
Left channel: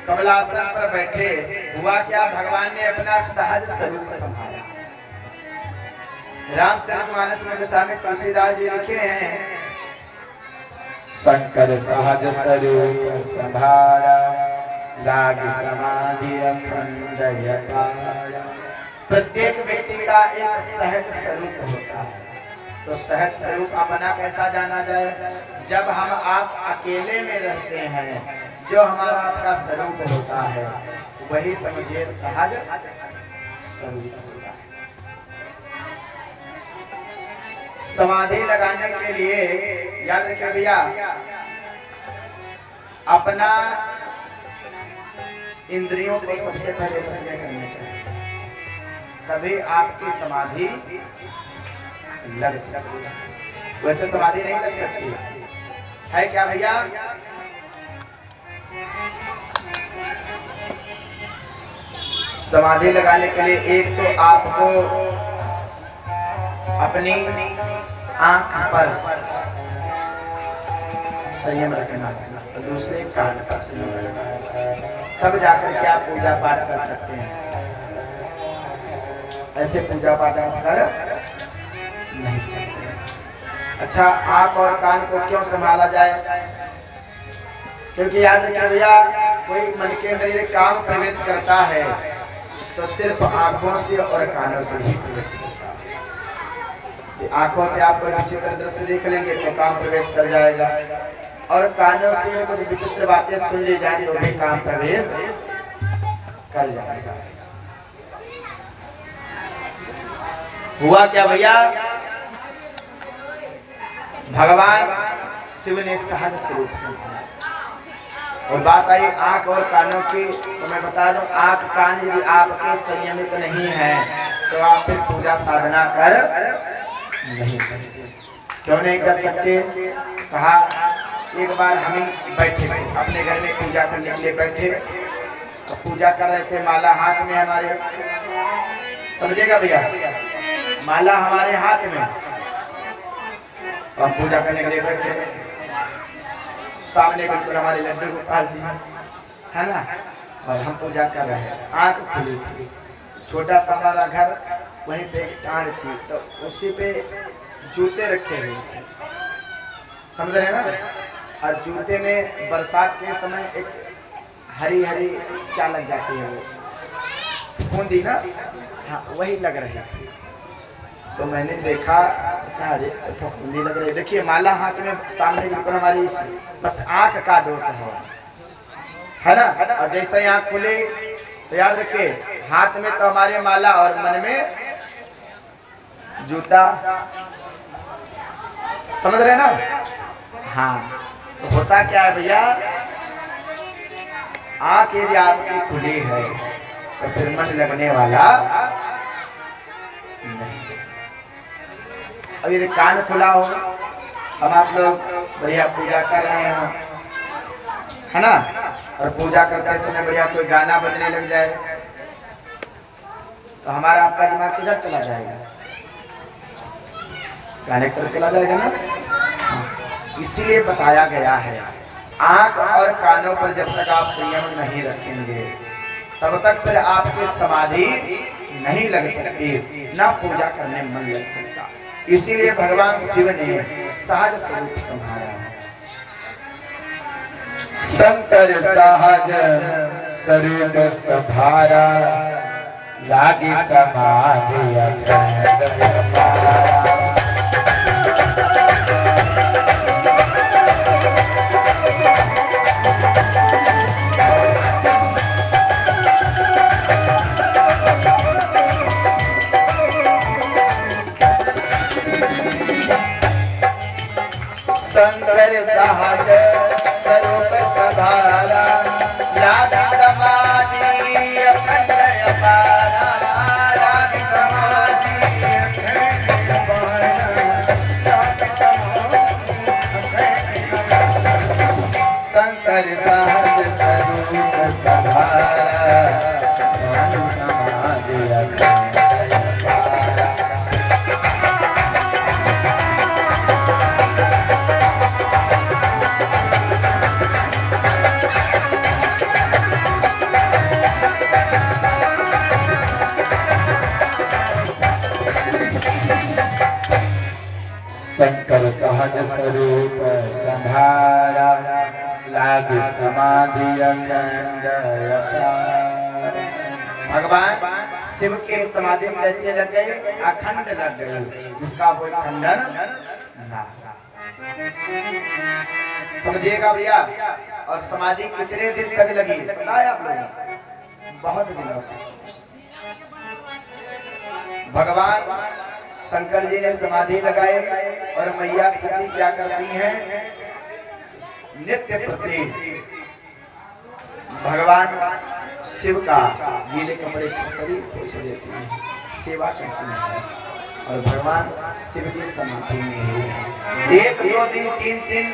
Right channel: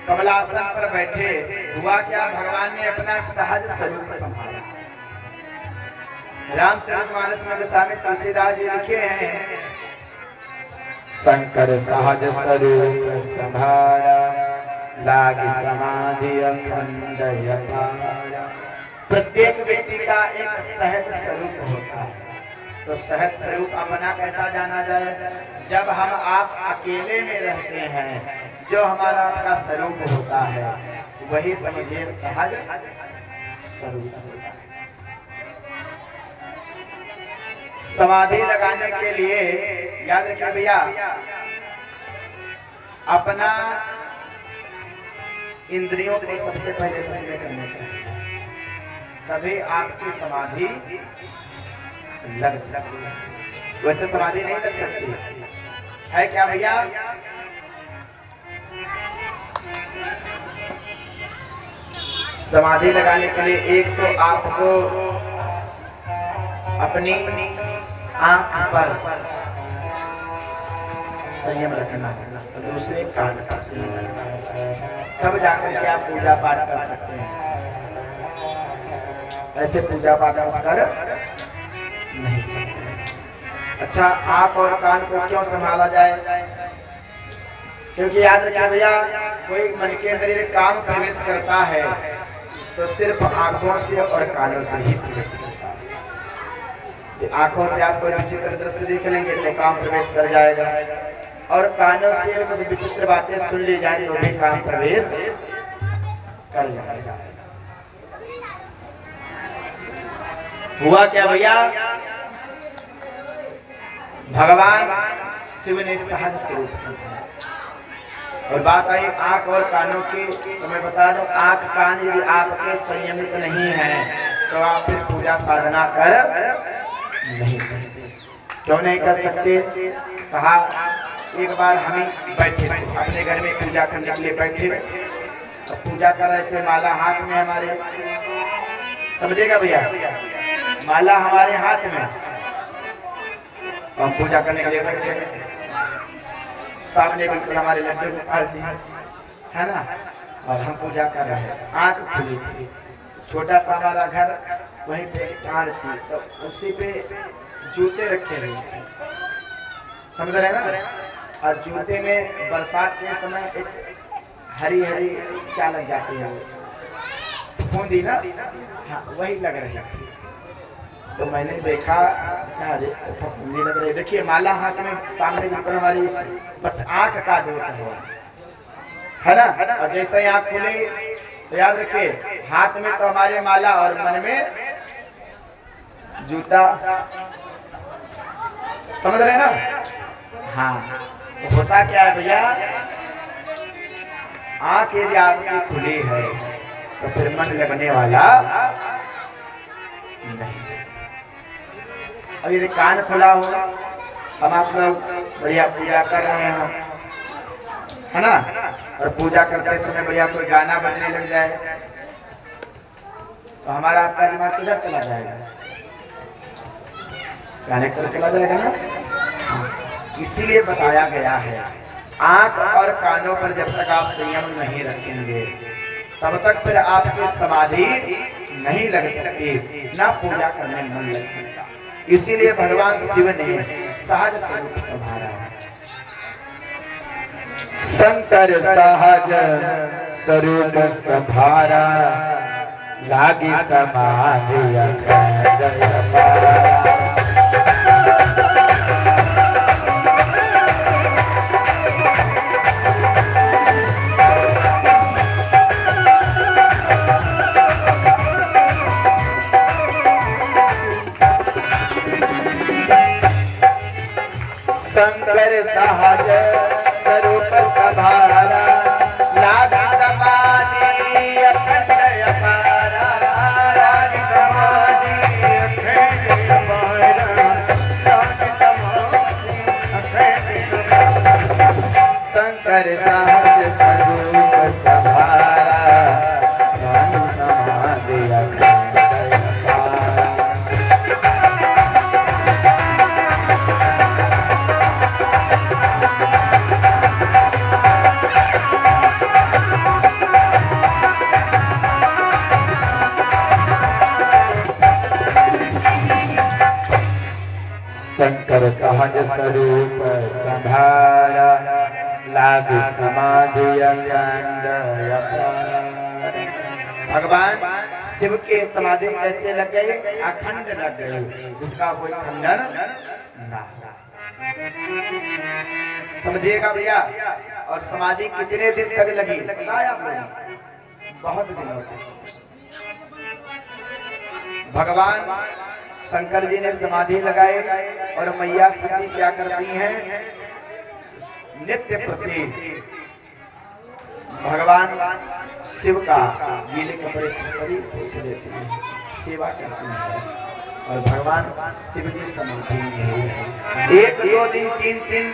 कमलासन पर बैठे, हुआ क्या? भगवान ने अपना सहज स्वरूप संभाला। रामचरितमानस में गोस्वामी तुलसीदास जी लिखे हैं, शंकर सहज स्वरूप संभारा, लाग समाधि अखंड अपार। प्रत्येक व्यक्ति का एक सहज स्वरूप होता है। तो सहज स्वरूप अपना कैसा जाना जाए? जब हम आप अकेले में रहते हैं, जो हमारा आपका स्वरूप होता है वही समझिए सहज स्वरूप होता है। समाधि लगाने के लिए याद रखिए भैया, अपना इंद्रियों को सबसे पहले वश में करना चाहिए, तभी आपकी समाधि लग सकती है। वैसे समाधि नहीं लग सकती है क्या भैया? समाधि लगाने के लिए एक तो आपको अपनी आंख पर संयम रखना है, तो दूसरे कान पर संयम रखना है, तब जाकर के आप पूजा पाठ कर सकते हैं। ऐसे पूजा पाठ आप कर नहीं सकते। अच्छा, आंख और कान को क्यों संभाला जाए? क्योंकि याद रखिए भैया, कोई मन के अंदर ये काम प्रवेश करता है तो सिर्फ आंखों से और कानों से ही प्रवेश करता है। आंखों से आप कोई विचित्र दृश्य देख लेंगे तो काम प्रवेश कर जाएगा, और कानों से कुछ विचित्र बातें सुन ली जाए तो भी काम प्रवेश कर जाएगा। हुआ क्या भैया? भगवान शिव ने सहज स्वरूप संभाला। और बात आई आंख और कानों की, तो मैं बता दूं, आंख कान यदि आपके संयमित नहीं है तो आप फिर पूजा साधना कर नहीं सकते। क्यों नहीं कर सकते? कहा, एक बार हम ही बैठे थे अपने घर में, पूजा करने के लिए बैठे, तो पूजा कर रहे थे, माला हाथ में हमारे, समझेगा भैया, माला हमारे हाथ में, और पूजा करने के लिए बैठे, सामने बिल्कुल हमारे लड्डू गोपाल जी है ना, और हम पूजा कर रहे हैं, आंख खुली थी, छोटा सा हमारा घर, वहीं पे टाड़ थी, तो उसी पे जूते रखे हुए थे, समझ रहे हैं ना, और जूते में बरसात के समय एक हरी हरी क्या लग जाती है वो फूंदी ना, हाँ वही लग रही थी। तो मैंने देखा अरे फूंदी लग रही। देखिए माला हाथ में सामने बिल्कुल हमारी, बस आंख का दोष है ना। और जैसे ही आंख खुले तो याद रखिए हाथ में तो हमारे माला और मन में जूता, समझ रहे ना। हाँ तो होता क्या है भैया, आंख यदि आपकी खुली है तो फिर मन लगने वाला नहीं। अब यदि कान खुला हो, हम आप लोग बढ़िया पूजा कर रहे हैं है ना, और पूजा करते समय बढ़िया कोई गाना बजने लग जाए तो हमारा आपका दिमाग किधर चला जाएगा, गाने की तरफ चला जाएगा ना। इसीलिए बताया गया है आंख और कानों पर जब तक आप संयम नहीं रखेंगे तब तक फिर आपकी समाधि नहीं लग सकती, ना पूजा करने में मन लग सकता। इसीलिए भगवान शिव ने सहज स्वरूप संभाला है। शंकर सहज स्वरूप संभारा लागी समाधि अखंड अपारा। शंकर सहज स्वरूप संभारा लागी समाधि अखंड अपारा। लागी समाधि अखंड अपारा। शंकर सहज स्वरूप संभारा लागी समाधि अखंड अपारा। शंकर सहज स्वरूप संभारा लागी समाधि अखंड अपारा। भगवान शिव के समाधि कैसे लग गए, अखंड लग गए, जिसका कोई खंडन ना। समझिएगा भैया। और समाधि कितने दिन तक लगी पता है आप लोगों, बहुत दिनों तक। भगवान शंकर जी ने समाधि लगाए और मैया सती क्या करती हैं, नित्य प्रति भगवान शिव का गीले कपड़े से शरीर पोंछ देती हैं, सेवा करती हैं। और भगवान शिव जी समाधि में हैं। 1 2 दिन 3 दिन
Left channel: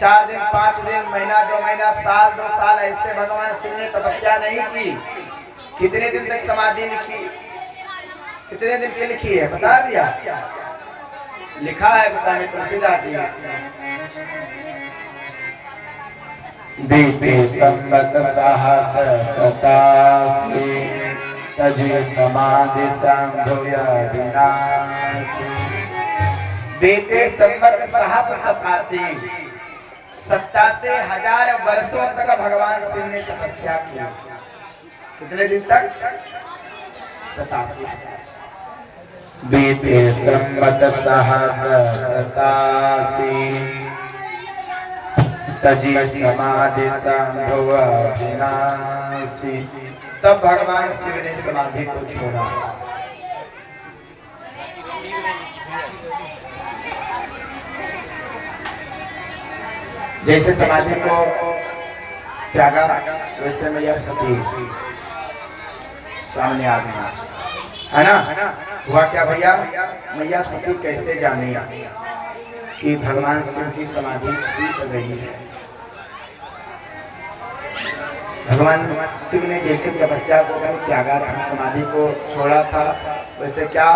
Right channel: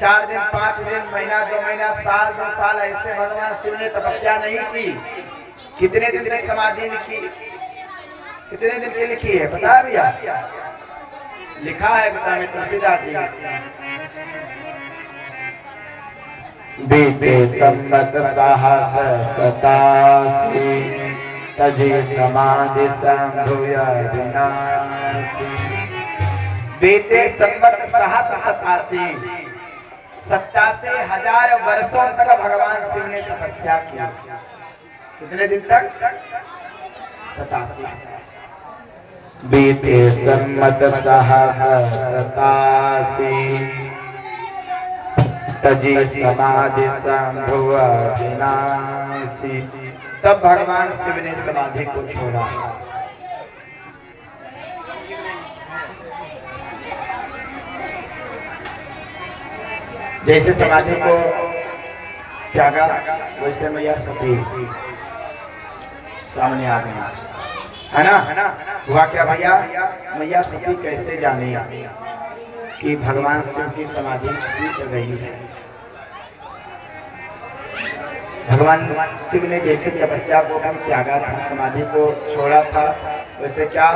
4 दिन 5 दिन महीना 2 महीना साल 2 साल ऐसे भगवान शिव ने तपस्या नहीं की। कितने दिन तक समाधि लिखी, कितने दिन की लिखी है बता भैया, लिखा है गोस्वामी तुलसीदास जी। बीते संवत सहस सतासी तजी समाधि संभुय विनाशी। बीते संवत सहस सतासी, 87,000 वर्षों तक भगवान शिव ने तपस्या की। कितने दिन तक, 87। बीते संवत सहस सतासी तजी समाधि संभुय विनाशी। तब भगवान शिव ने समाधि को छोड़ा। जैसे समाधि को त्यागा वैसे मैया सती सामने आ गई, है ना। हुआ क्या भैया, मैया सती कैसे जाने कि भगवान शिव की समाधि टूट रही है। भगवान शिव ने जैसे तपस्या को त्यागा था, समाधि को छोड़ा था, वैसे क्या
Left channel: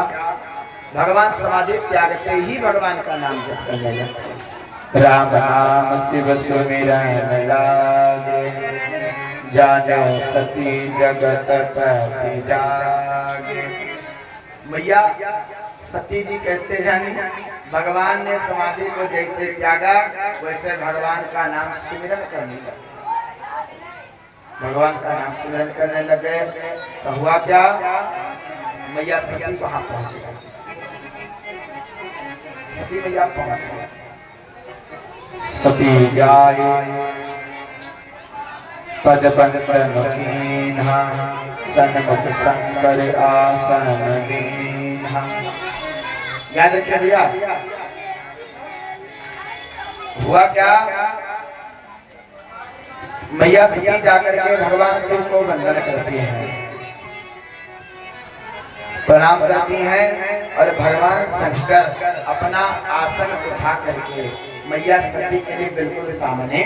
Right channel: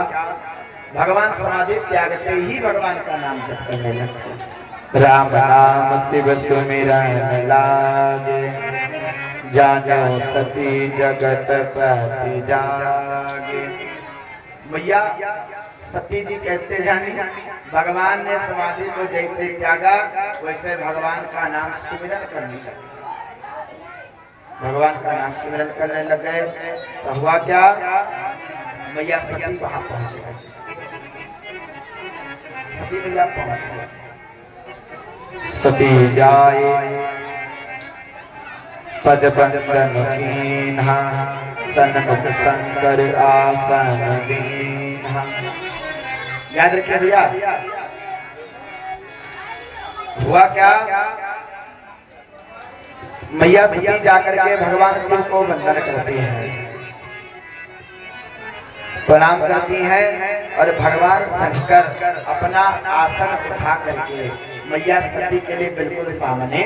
भगवान समाधि त्यागते ही भगवान का नाम जप करने लगते। राम नाम शिव सुमिरन लागे जानो सती जगत पति जागे। मैया सती जी कैसे जानी, भगवान ने समाधि को जैसे त्यागा वैसे भगवान का नाम सिमरन करने लगे। भगवान का नाम स्मरण करने लगे तो हुआ क्या, मैया सती वहां पहुंच गई। सती मैया पहुंच गई। सती जाए पद बंदन कीन्हा, सन्मुख शंकर आसन दीन्हा। याद रखिए भैया, हुआ क्या, मैया सती जाकर के भगवान शिव को वंदन करती हैं, प्रणाम करती हैं और भगवान शंकर अपना आसन उठा करके मैया सती के लिए बिल्कुल सामने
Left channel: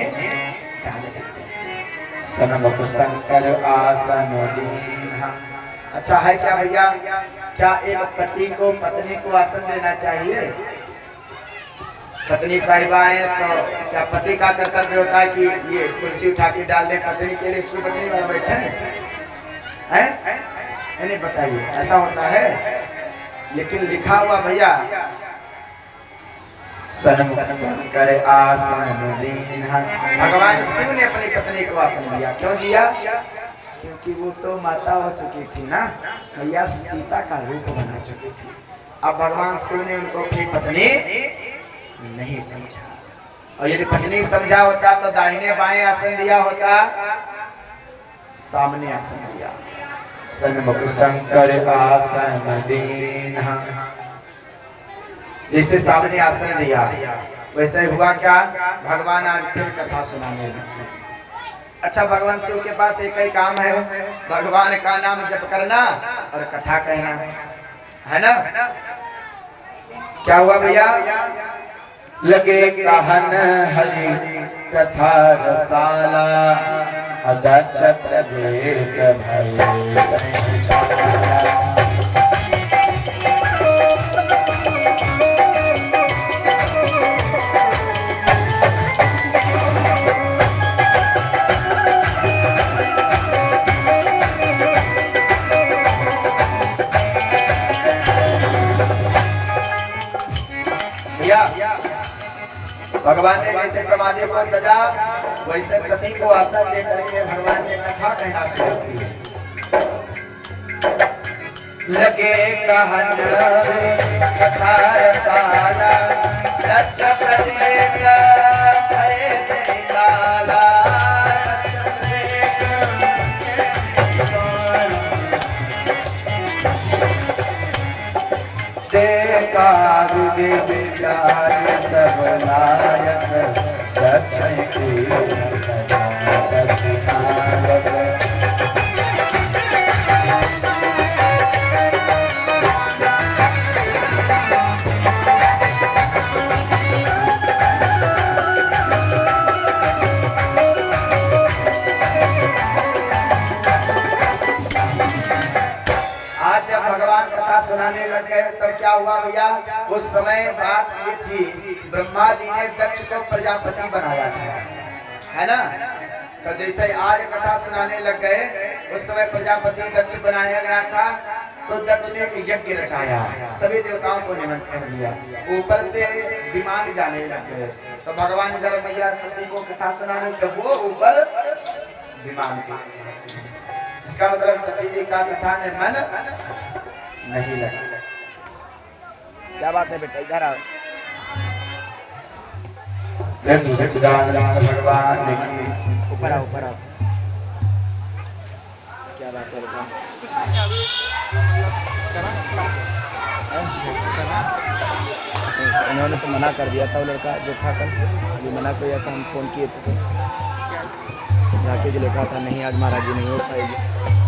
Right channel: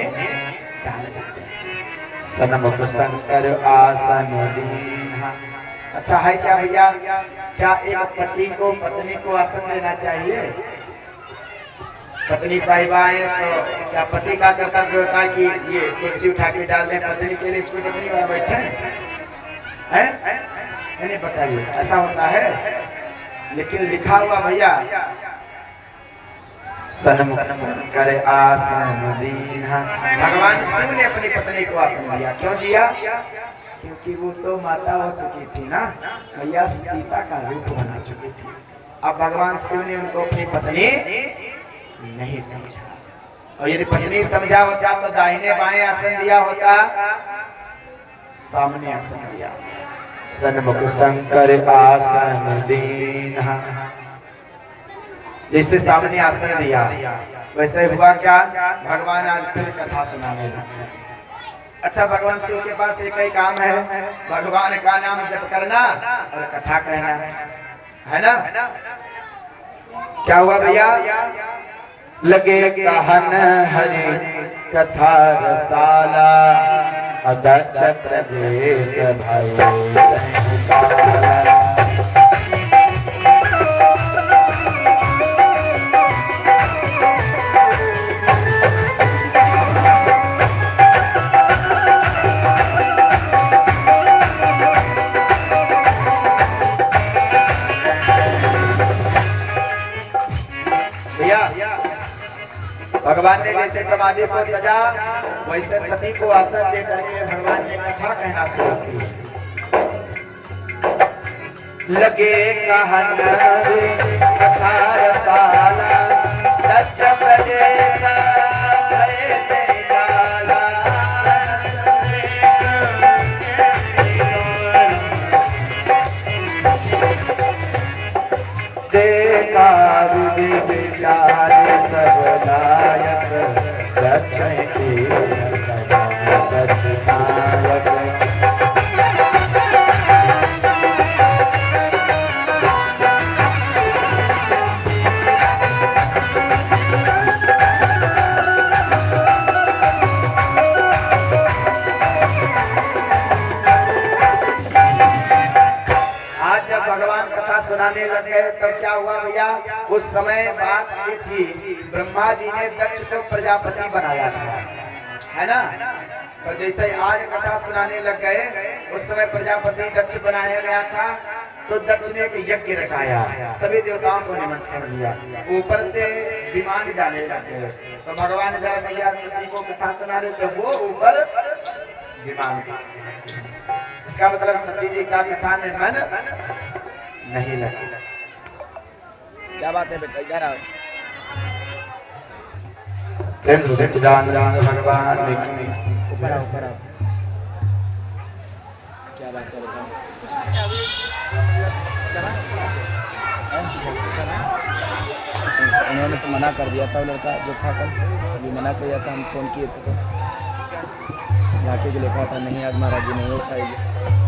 डाल देते हैं। सन्मुख शंकर आसन दीन्हा। अच्छा है क्या भैया, क्या एक पति को पत्नी को आसन देना चाहिए? पत्नी साहिबा है तो क्या पति का कर्तव्य होता है कि ये कुर्सी उठा के डाल दें पत्नी के लिए, इसको पत्नी वाला बैठे हैं? नहीं बताइए, ऐसा होता है? लेकिन लिखा हुआ भैया, सन्मुख शंकर आसन दीन्हा। भगवान शिव ने अपनी पत्नी को आसन दिया। क्यों दिया? क्योंकि वो तो माता हो चुकी थी ना, मैया सीता का रूप बना चुकी थी। अब भगवान शिव ने उनको अपनी पत्नी नहीं समझा, और यदि पत्नी समझा होता तो दाहिने बाएं आसन दिया होता, सामने आसन दिया। सन्मुख शंकर आसन दीन्हा। जैसे सामने आसन दिया वैसे हुआ क्या, भगवान आज फिर कथा सुनाने लगे। अच्छा, भगवान शिव के पास एक ही काम है, भगवान का नाम जप करना और कथा कहना, है ना? क्या हुआ भैया? लगे कहन हरि कथा रसाला, अदक्ष प्रदेश भय काला। भगवान ने जैसे समाधि को सजा वैसे सती को आसन दे करके भगवान ने कथा कहना शुरू की। लगे कहन कथा रसाला, दक्ष प्रदेश भय काला। देखा विचार सब लायक, दक्ष नायक। सुनाने लगे तब क्या हुआ भैया, उस समय बात ये थी, ब्रह्मा जी ने दक्ष को प्रजापति बनाया था, है ना? तो जैसे आज कथा सुनाने लग गए, उस समय प्रजापति दक्ष बनाया गया था। तो दक्ष ने एक यज्ञ रचाया, सभी देवताओं को निमंत्रण दिया, ऊपर से विमान जाने लग गए। तो भगवान जरा मैया सती को कथा सुनाने, तो वो ऊपर विमान थी। इसका मतलब सती जी का कथा में मन नहीं लगा। क्या बात है बेटा, इधर आओ। भगवान की ऊपर आओ, ऊपर आओ। क्या बात है बेटा? उन्होंने तो मना कर दिया था, वो लड़का जो था कल, ये मना कर दिया था, हम फोन किए थे तो जाके जो लिखा था नहीं आज महाराज जी नहीं हो पाएगी।